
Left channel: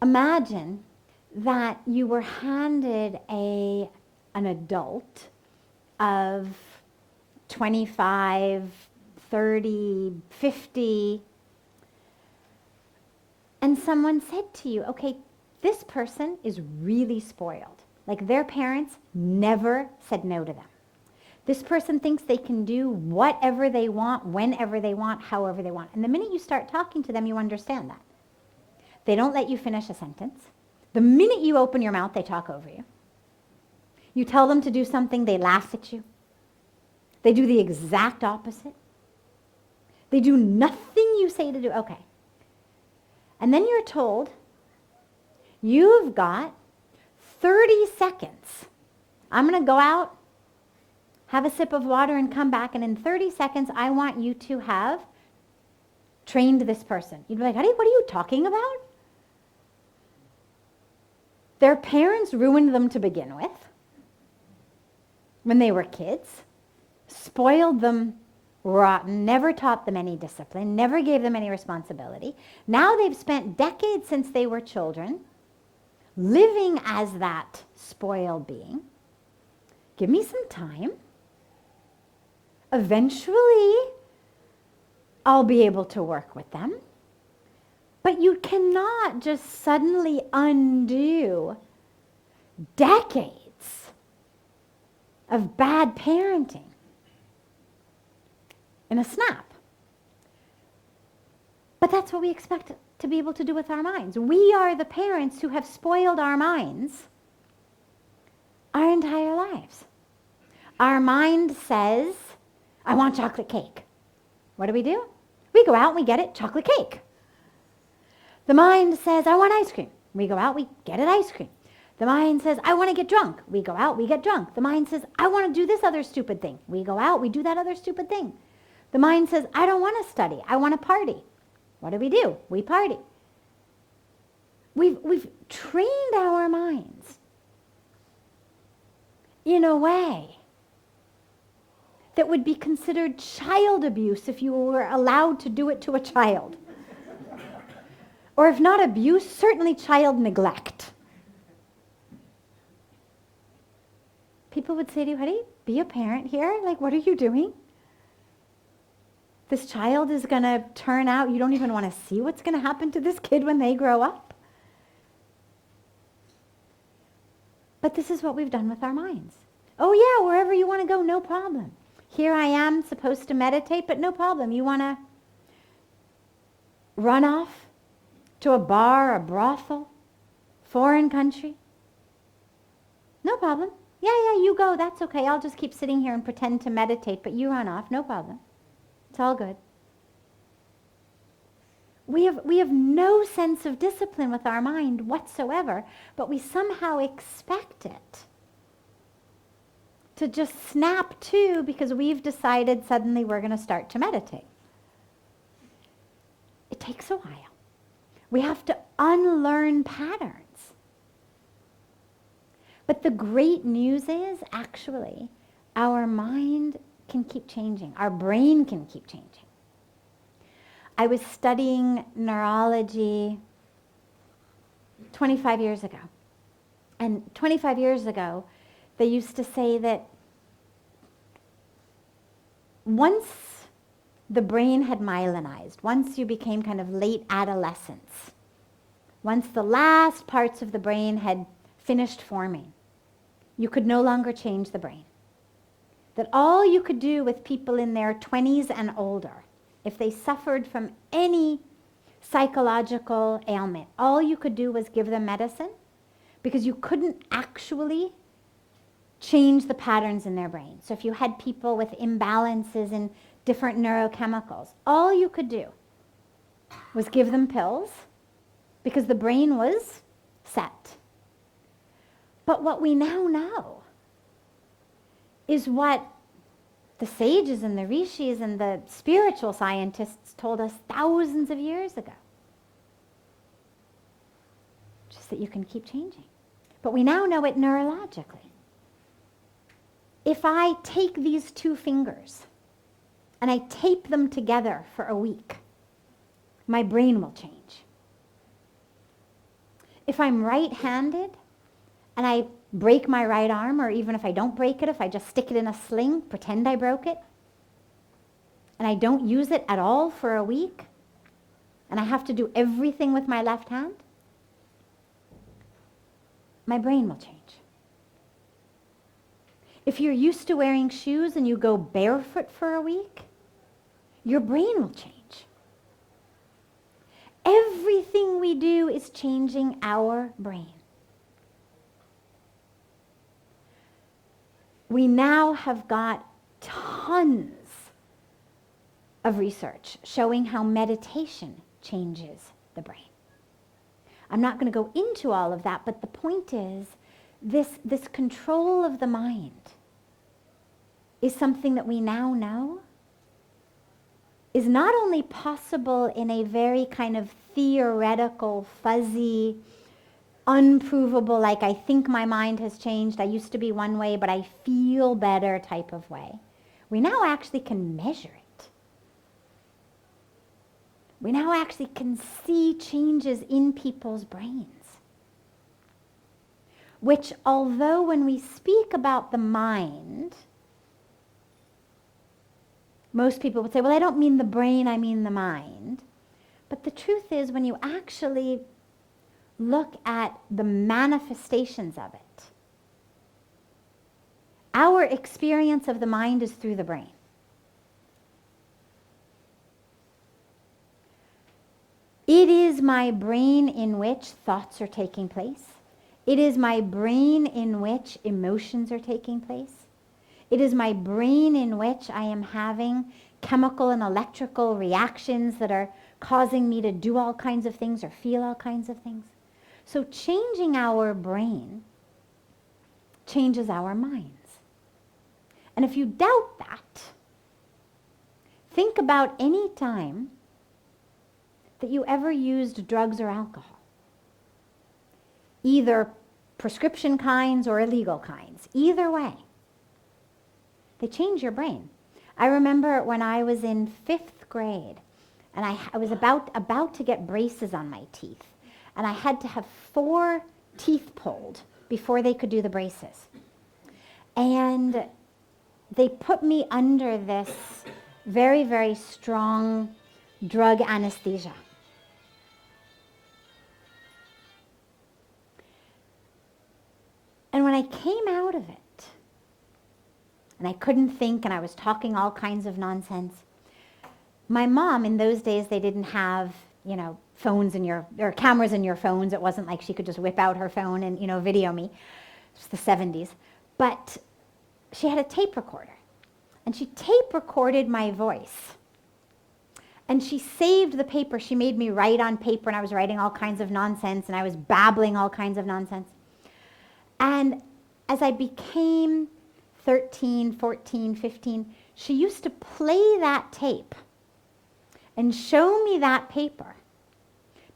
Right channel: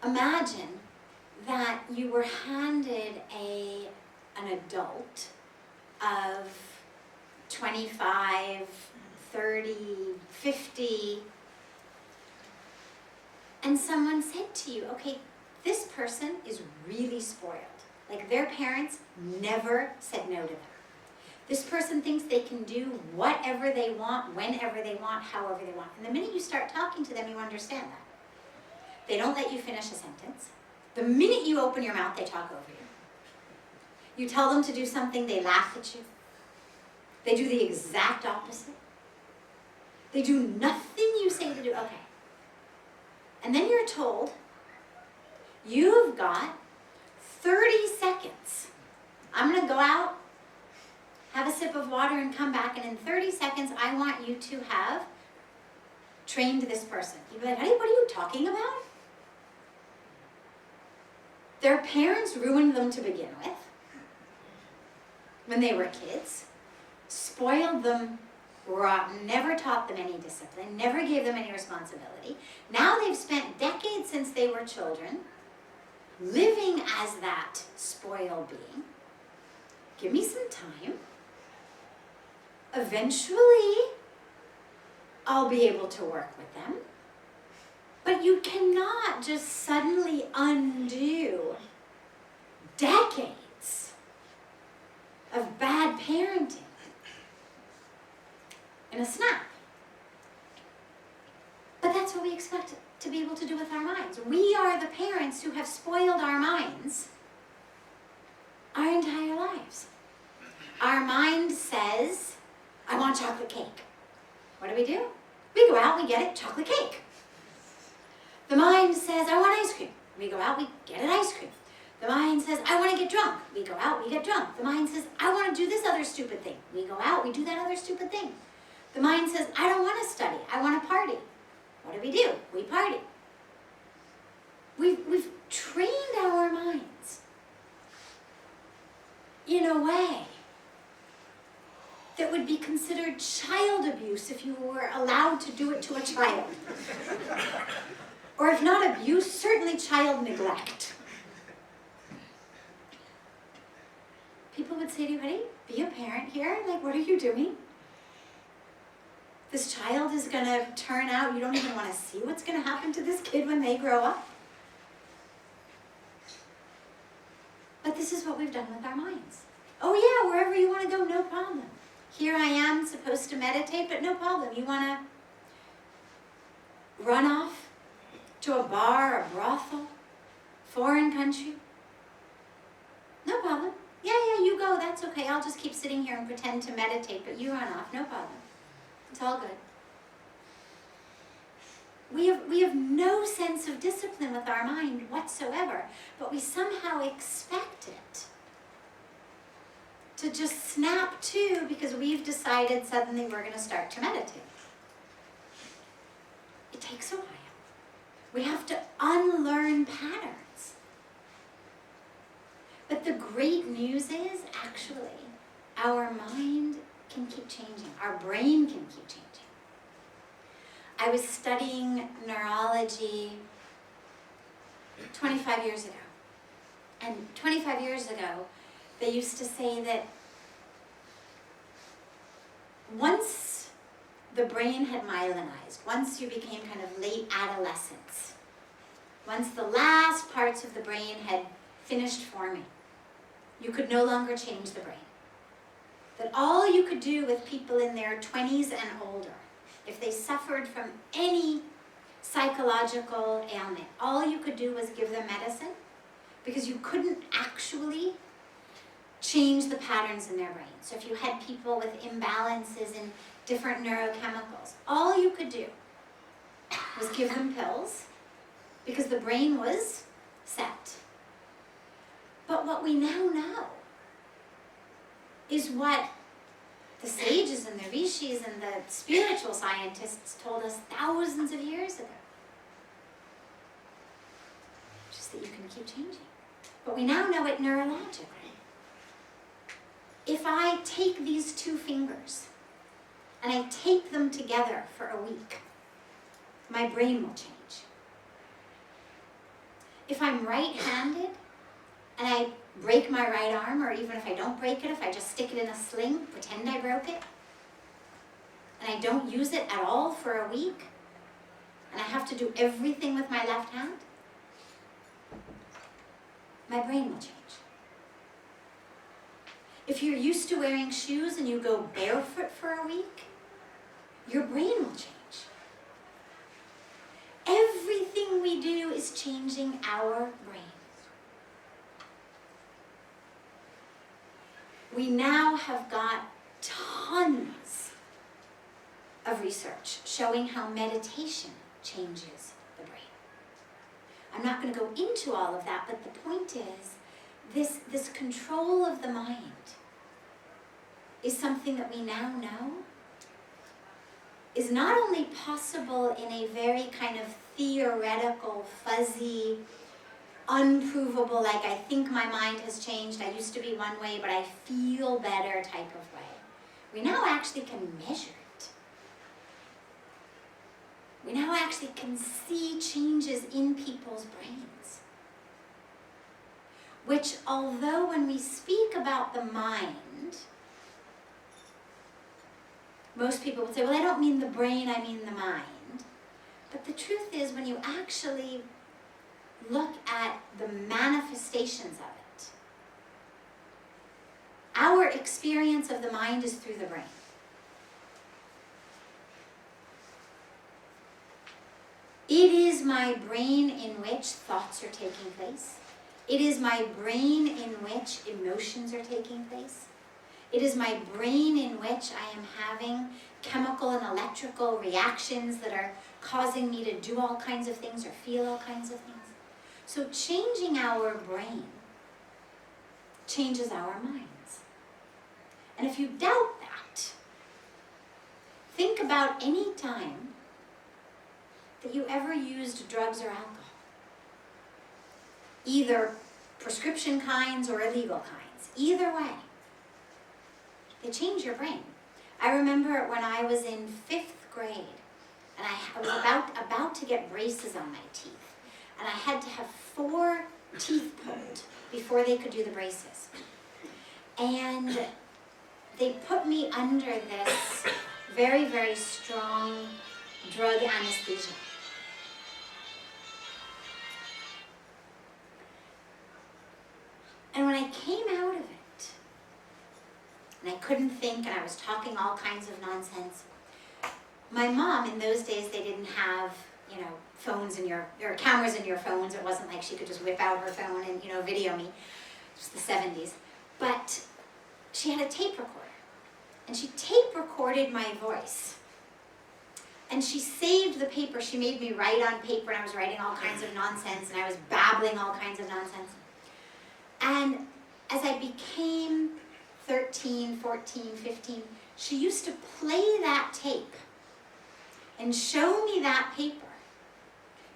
imagine that you were handed an adult of 25, 30, 50, and someone said to you, okay, this person is really spoiled. Like their parents never said no to them. This person thinks they can do whatever they want, whenever they want, however they want. And the minute you start talking to them, you understand that. They don't let you finish a sentence. The minute you open your mouth, they talk over you. You tell them to do something, they laugh at you. They do the exact opposite. They do nothing you say to do. Okay. And then you're told, you've got 30 seconds. I'm going to go out, have a sip of water, and come back. And in 30 seconds, I want you to have trained this person. You'd be like, honey, what are you talking about? Their parents ruined them to begin with when they were kids, spoiled them rotten, never taught them any discipline, never gave them any responsibility. Now they've spent decades since they were children living as that spoiled being. Give me some time. Eventually, I'll be able to work with them. But you cannot just suddenly undo decades of bad parenting in a snap. But that's what we expect to be able to do with our minds. We are the parents who have spoiled our minds our entire lives. Our mind says, I want chocolate cake. What do? We go out, we get it, chocolate cake. The mind says, I want ice cream. We go out, we get it, ice cream. The mind says, I want to get drunk. We go out, we get drunk. The mind says, I want to do this other stupid thing. We go out, we do that other stupid thing. The mind says, I don't want to study. I want to party. What do? We party. We've trained our minds in a way that would be considered child abuse if you were allowed to do it to a child. Or if not abuse, certainly child neglect. People would say to you, honey, be a parent here. Like, what are you doing? This child is going to turn out, you don't even want to see what's going to happen to this kid when they grow up. But this is what we've done with our minds. Oh yeah, wherever you want to go, no problem. Here I am supposed to meditate, but no problem. You want to run off to a bar, a brothel, foreign country? No problem. Yeah, you go. That's okay. I'll just keep sitting here and pretend to meditate, but you run off. No problem. It's all good. We have no sense of discipline with our mind whatsoever, but we somehow expect it to just snap to because we've decided suddenly we're going to start to meditate. It takes a while. We have to unlearn patterns. But the great news is, actually, our mind can keep changing. Our brain can keep changing. I was studying neurology 25 years ago. And 25 years ago, they used to say that once the brain had myelinized, once you became kind of late adolescence, once the last parts of the brain had finished forming, you could no longer change the brain. That all you could do with people in their 20s and older, if they suffered from any psychological ailment, all you could do was give them medicine because you couldn't actually change the patterns in their brain. So if you had people with imbalances in different neurochemicals, all you could do was give them pills because the brain was set. But what we now know is what the sages and the rishis and the spiritual scientists told us thousands of years ago. Just that you can keep changing. But we now know it neurologically. If I take these two fingers and I tape them together for a week, my brain will change. If I'm right-handed and I break my right arm, or even if I don't break it, if I just stick it in a sling, pretend I broke it, and I don't use it at all for a week, and I have to do everything with my left hand, my brain will change. If you're used to wearing shoes and you go barefoot for a week, your brain will change. Everything we do is changing our brain. We now have got tons of research showing how meditation changes the brain. I'm not going to go into all of that, but the point is this control of the mind is something that we now know is not only possible in a very kind of theoretical, fuzzy, unprovable, like I think my mind has changed, I used to be one way, but I feel better type of way. We now actually can measure it. We now actually can see changes in people's brains. Which, although when we speak about the mind, most people would say, well, I don't mean the brain, I mean the mind. But the truth is, when you actually look at the manifestations of it, our experience of the mind is through the brain. It is my brain in which thoughts are taking place. It is my brain in which emotions are taking place. It is my brain in which I am having chemical and electrical reactions that are causing me to do all kinds of things or feel all kinds of things. So changing our brain changes our minds. And if you doubt that, think about any time that you ever used drugs or alcohol. Either prescription kinds or illegal kinds. Either way, they change your brain. I remember when I was in 5th grade, and I was about to get braces on my teeth, and I had to have 4 teeth pulled before they could do the braces. And they put me under this very, very strong drug anesthesia. And when I came out of it, and I couldn't think, and I was talking all kinds of nonsense, my mom, in those days, they didn't have, phones or cameras in your phones. It wasn't like she could just whip out her phone and, video me. It's the 70s. But she had a tape recorder. And she tape recorded my voice. And she saved the paper. She made me write on paper, and I was writing all kinds of nonsense, and I was babbling all kinds of nonsense. And as I became 13, 14, 15, she used to play that tape and show me that paper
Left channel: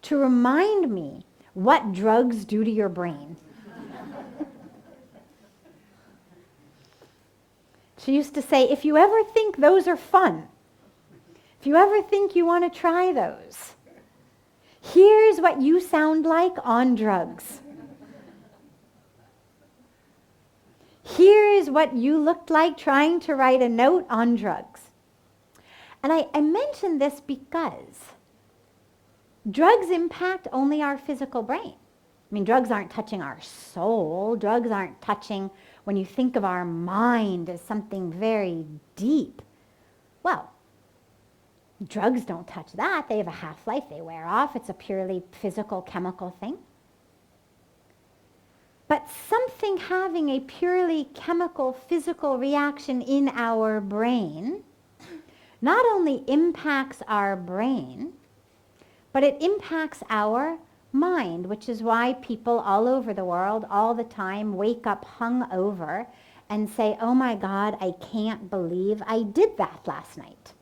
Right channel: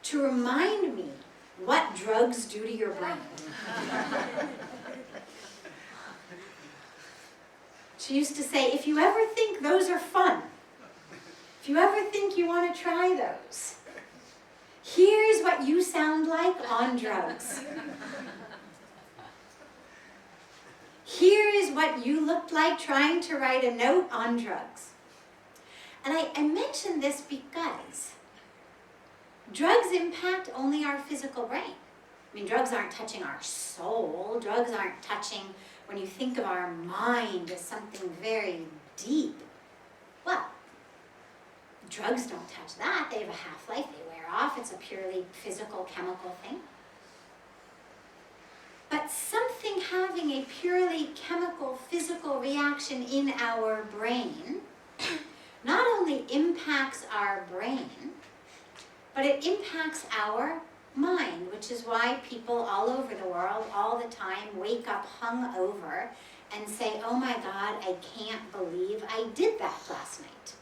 to remind me what drugs do to your brain. She used to say, if you ever think those are fun, if you ever think you want to try those, here's what you sound like on drugs. Here is what you looked like trying to write a note on drugs. And I mention this because drugs impact only our physical brain. I mean, drugs aren't touching our soul. Drugs aren't touching, when you think of our mind as something very deep. Well, drugs don't touch that. They have a half-life. They wear off. It's a purely physical, chemical thing. But something having a purely chemical, physical reaction in our brain not only impacts our brain, but it impacts our mind, which is why people all over the world all the time wake up hungover and say, oh my God, I can't believe I did that last night.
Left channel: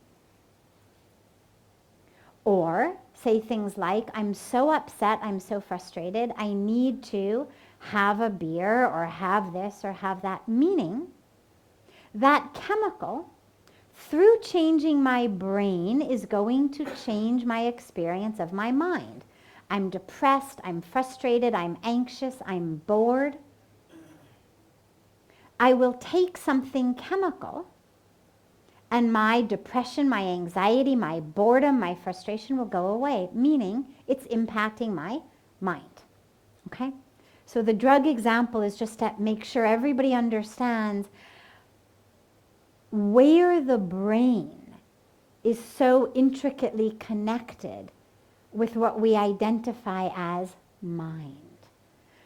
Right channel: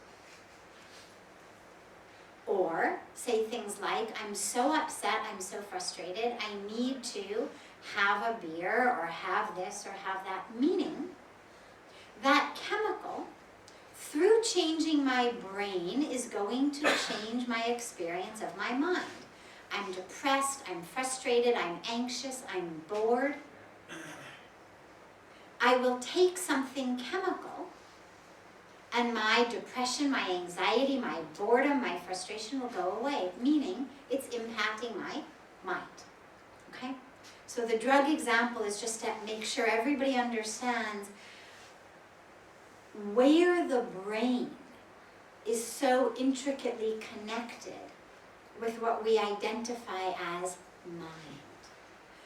Or say things like, I'm so upset, I'm so frustrated, I need to have a beer or have this or have that. Meaning that chemical, through changing my brain, is going to change my experience of my mind. I'm depressed, I'm frustrated, I'm anxious, I'm bored. I will take something chemical, and my depression, my anxiety, my boredom, my frustration will go away, meaning it's impacting my mind. Okay? So the drug example is just to make sure everybody understands where the brain is so intricately connected with what we identify as mind.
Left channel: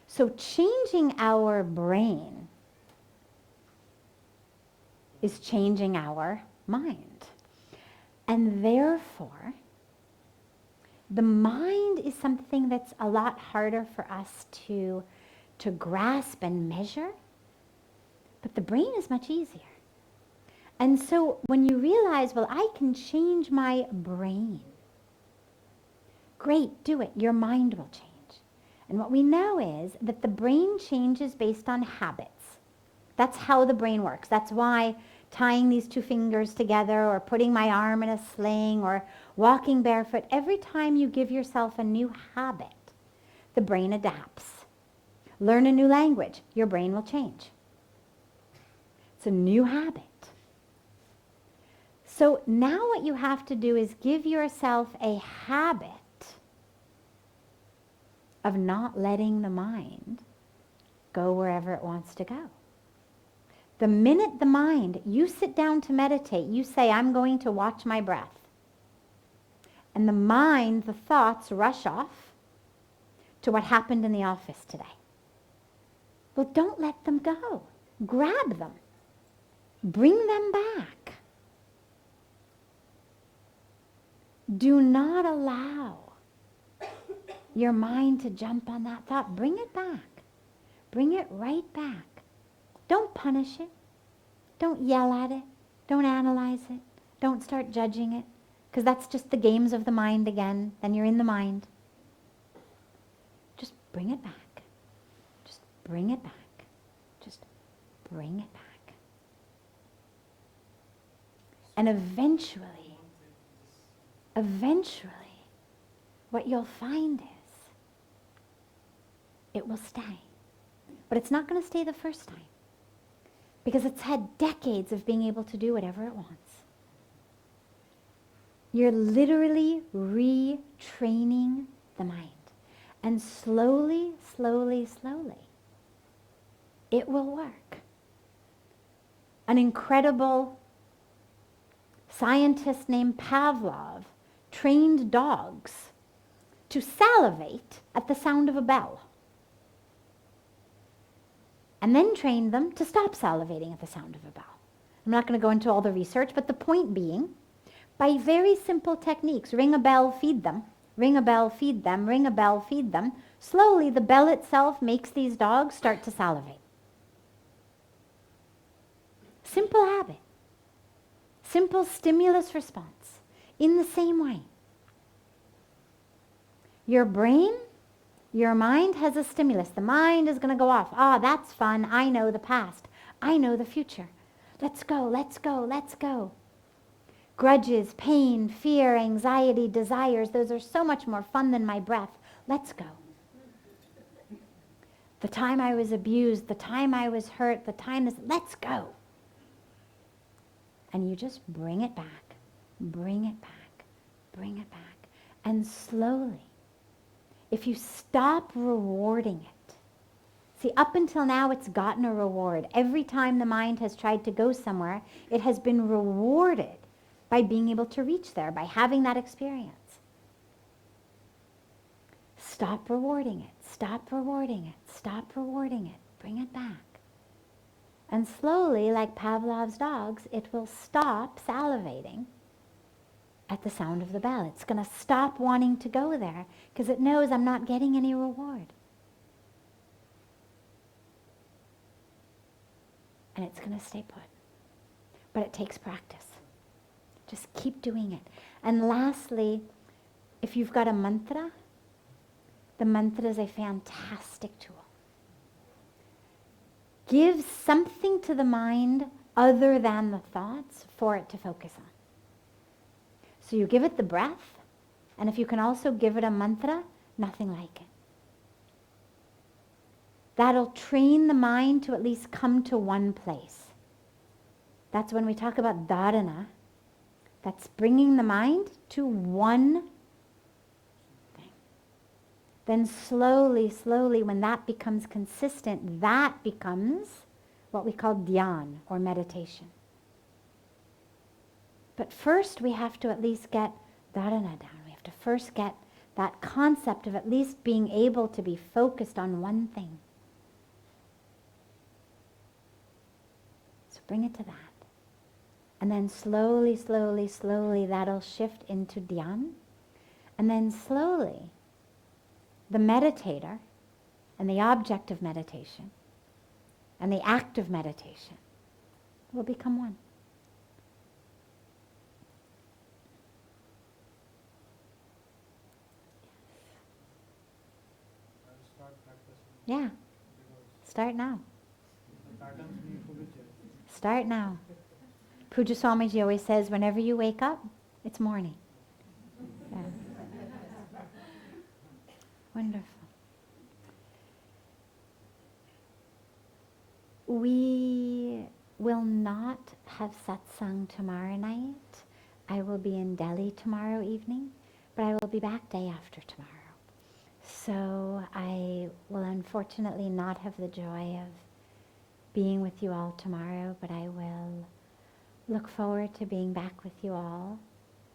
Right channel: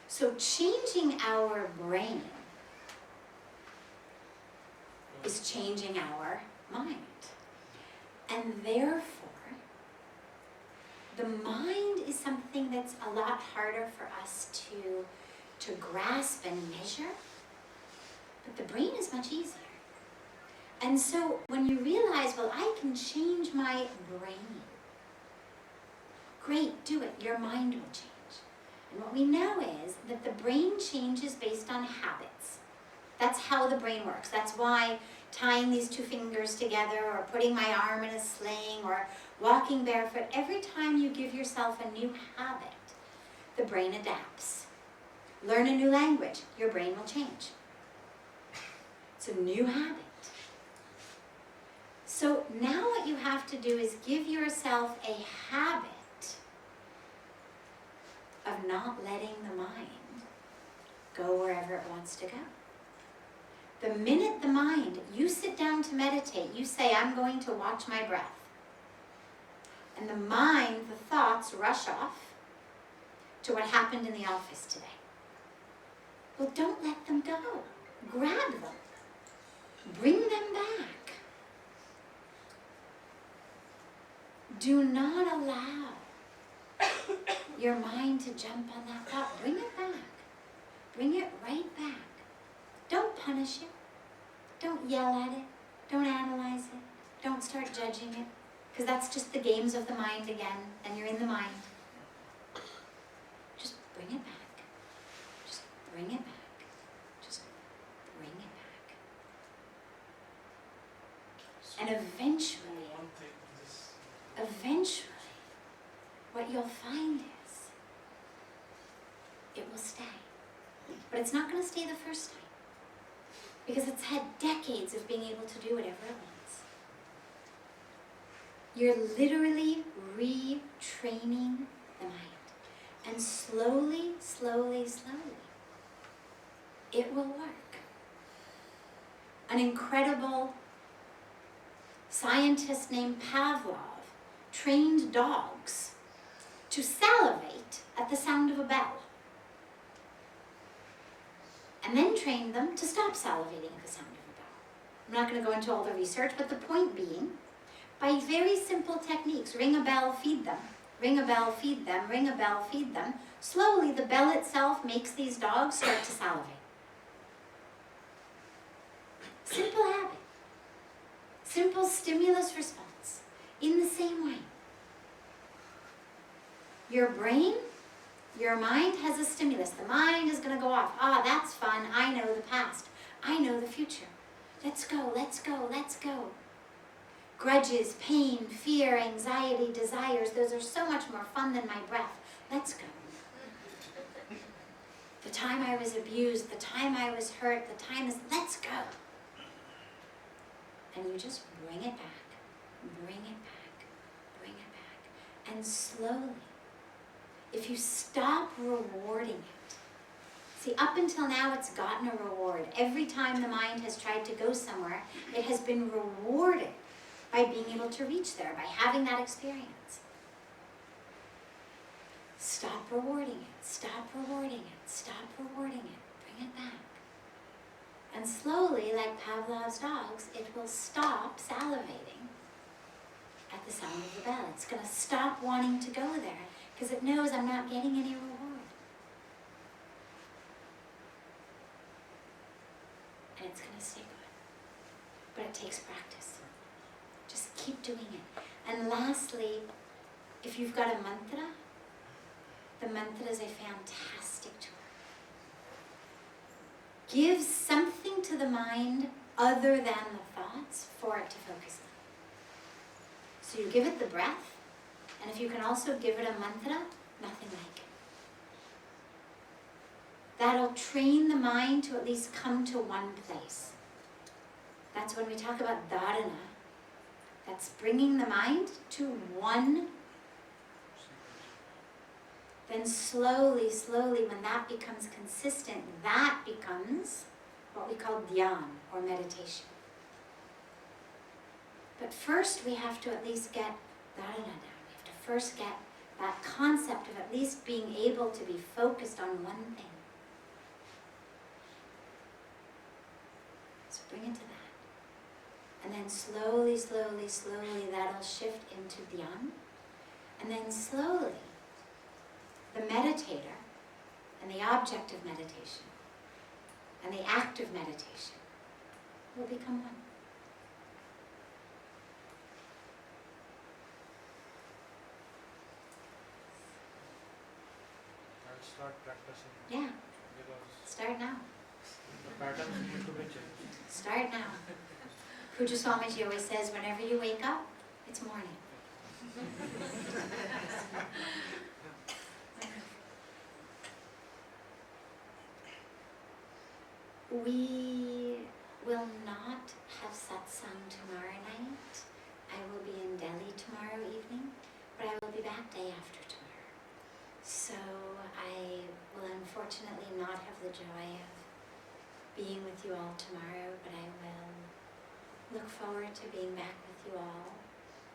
So changing our brain is changing our mind. And therefore, the mind is something that's a lot harder for us to grasp and measure, but the brain is much easier. And so when you realize, well, I can change my brain, great, do it. Your mind will change. And what we know is that the brain changes based on habits. That's how the brain works. That's why tying these two fingers together or putting my arm in a sling or walking barefoot, every time you give yourself a new habit, the brain adapts. Learn a new language, your brain will change. It's a new habit. So now what you have to do is give yourself a habit of not letting the mind go wherever it wants to go. The minute the mind, you sit down to meditate, you say, I'm going to watch my breath. And the mind, the thoughts rush off to what happened in the office today. Well, don't let them go. Grab them. Bring them back. Do not allow your mind to jump on that thought. Bring it back. Bring it right back. Don't punish it. Don't yell at it. Don't analyze it. Don't start judging it. Because that's just the games of the mind again. Then you're in the mind. Just bring it back. Just bring it back. Just bring it back. And eventually, what you'll find is it will stay. But it's not going to stay the first time. Because it's had decades of being able to do whatever it wants. You're literally retraining the mind. And slowly, slowly, slowly, it will work. An incredible scientist named Pavlov trained dogs to salivate at the sound of a bell. And then trained them to stop salivating at the sound of a bell. I'm not going to go into all the research, but the point being, by very simple techniques, ring a bell, feed them, ring a bell, feed them, ring a bell, feed them, slowly the bell itself makes these dogs start to salivate. Simple habit. Simple stimulus response. In the same way. Your brain, your mind has a stimulus. The mind is going to go off. Ah, that's fun. I know the past. I know the future. Let's go, let's go, let's go. Grudges, pain, fear, anxiety, desires, those are so much more fun than my breath. Let's go. The time I was abused, the time I was hurt, the time is, let's go. And you just bring it back, bring it back, bring it back. And slowly, if you stop rewarding it, see, up until now it's gotten a reward. Every time the mind has tried to go somewhere, it has been rewarded by being able to reach there, by having that experience. Stop rewarding it, stop rewarding it, stop rewarding it, bring it back. And slowly, like Pavlov's dogs, it will stop salivating at the sound of the bell. It's going to stop wanting to go there because it knows I'm not getting any reward. And it's going to stay put. But it takes practice. Just keep doing it. And lastly, if you've got a mantra, the mantra is a fantastic tool. Give something to the mind other than the thoughts for it to focus on. So you give it the breath, and if you can also give it a mantra, nothing like it. That'll train the mind to at least come to one place. That's when we talk about dharana. That's bringing the mind to one. Then slowly, slowly, when that becomes consistent, that becomes what we call dhyan or meditation. But first we have to at least get dharana down. We have to first get that concept of at least being able to be focused on one thing. So bring it to that. And then slowly, slowly, slowly that'll shift into dhyan. And then slowly the meditator and the object of meditation and the act of meditation will become one. I'll start practicing Yeah, because start now. the patterns need to be changed. Start now. Pujya Swamiji always says, whenever you wake up, it's morning. Wonderful. We will not have satsang tomorrow night. I will be in Delhi tomorrow evening, but I will be back day after tomorrow. So I will unfortunately not have the joy of being with you all tomorrow, but I will look forward to being back with you all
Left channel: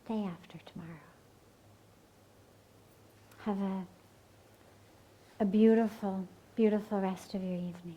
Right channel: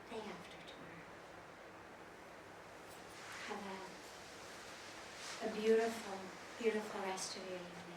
day after tomorrow. Have a beautiful, beautiful rest of your evening.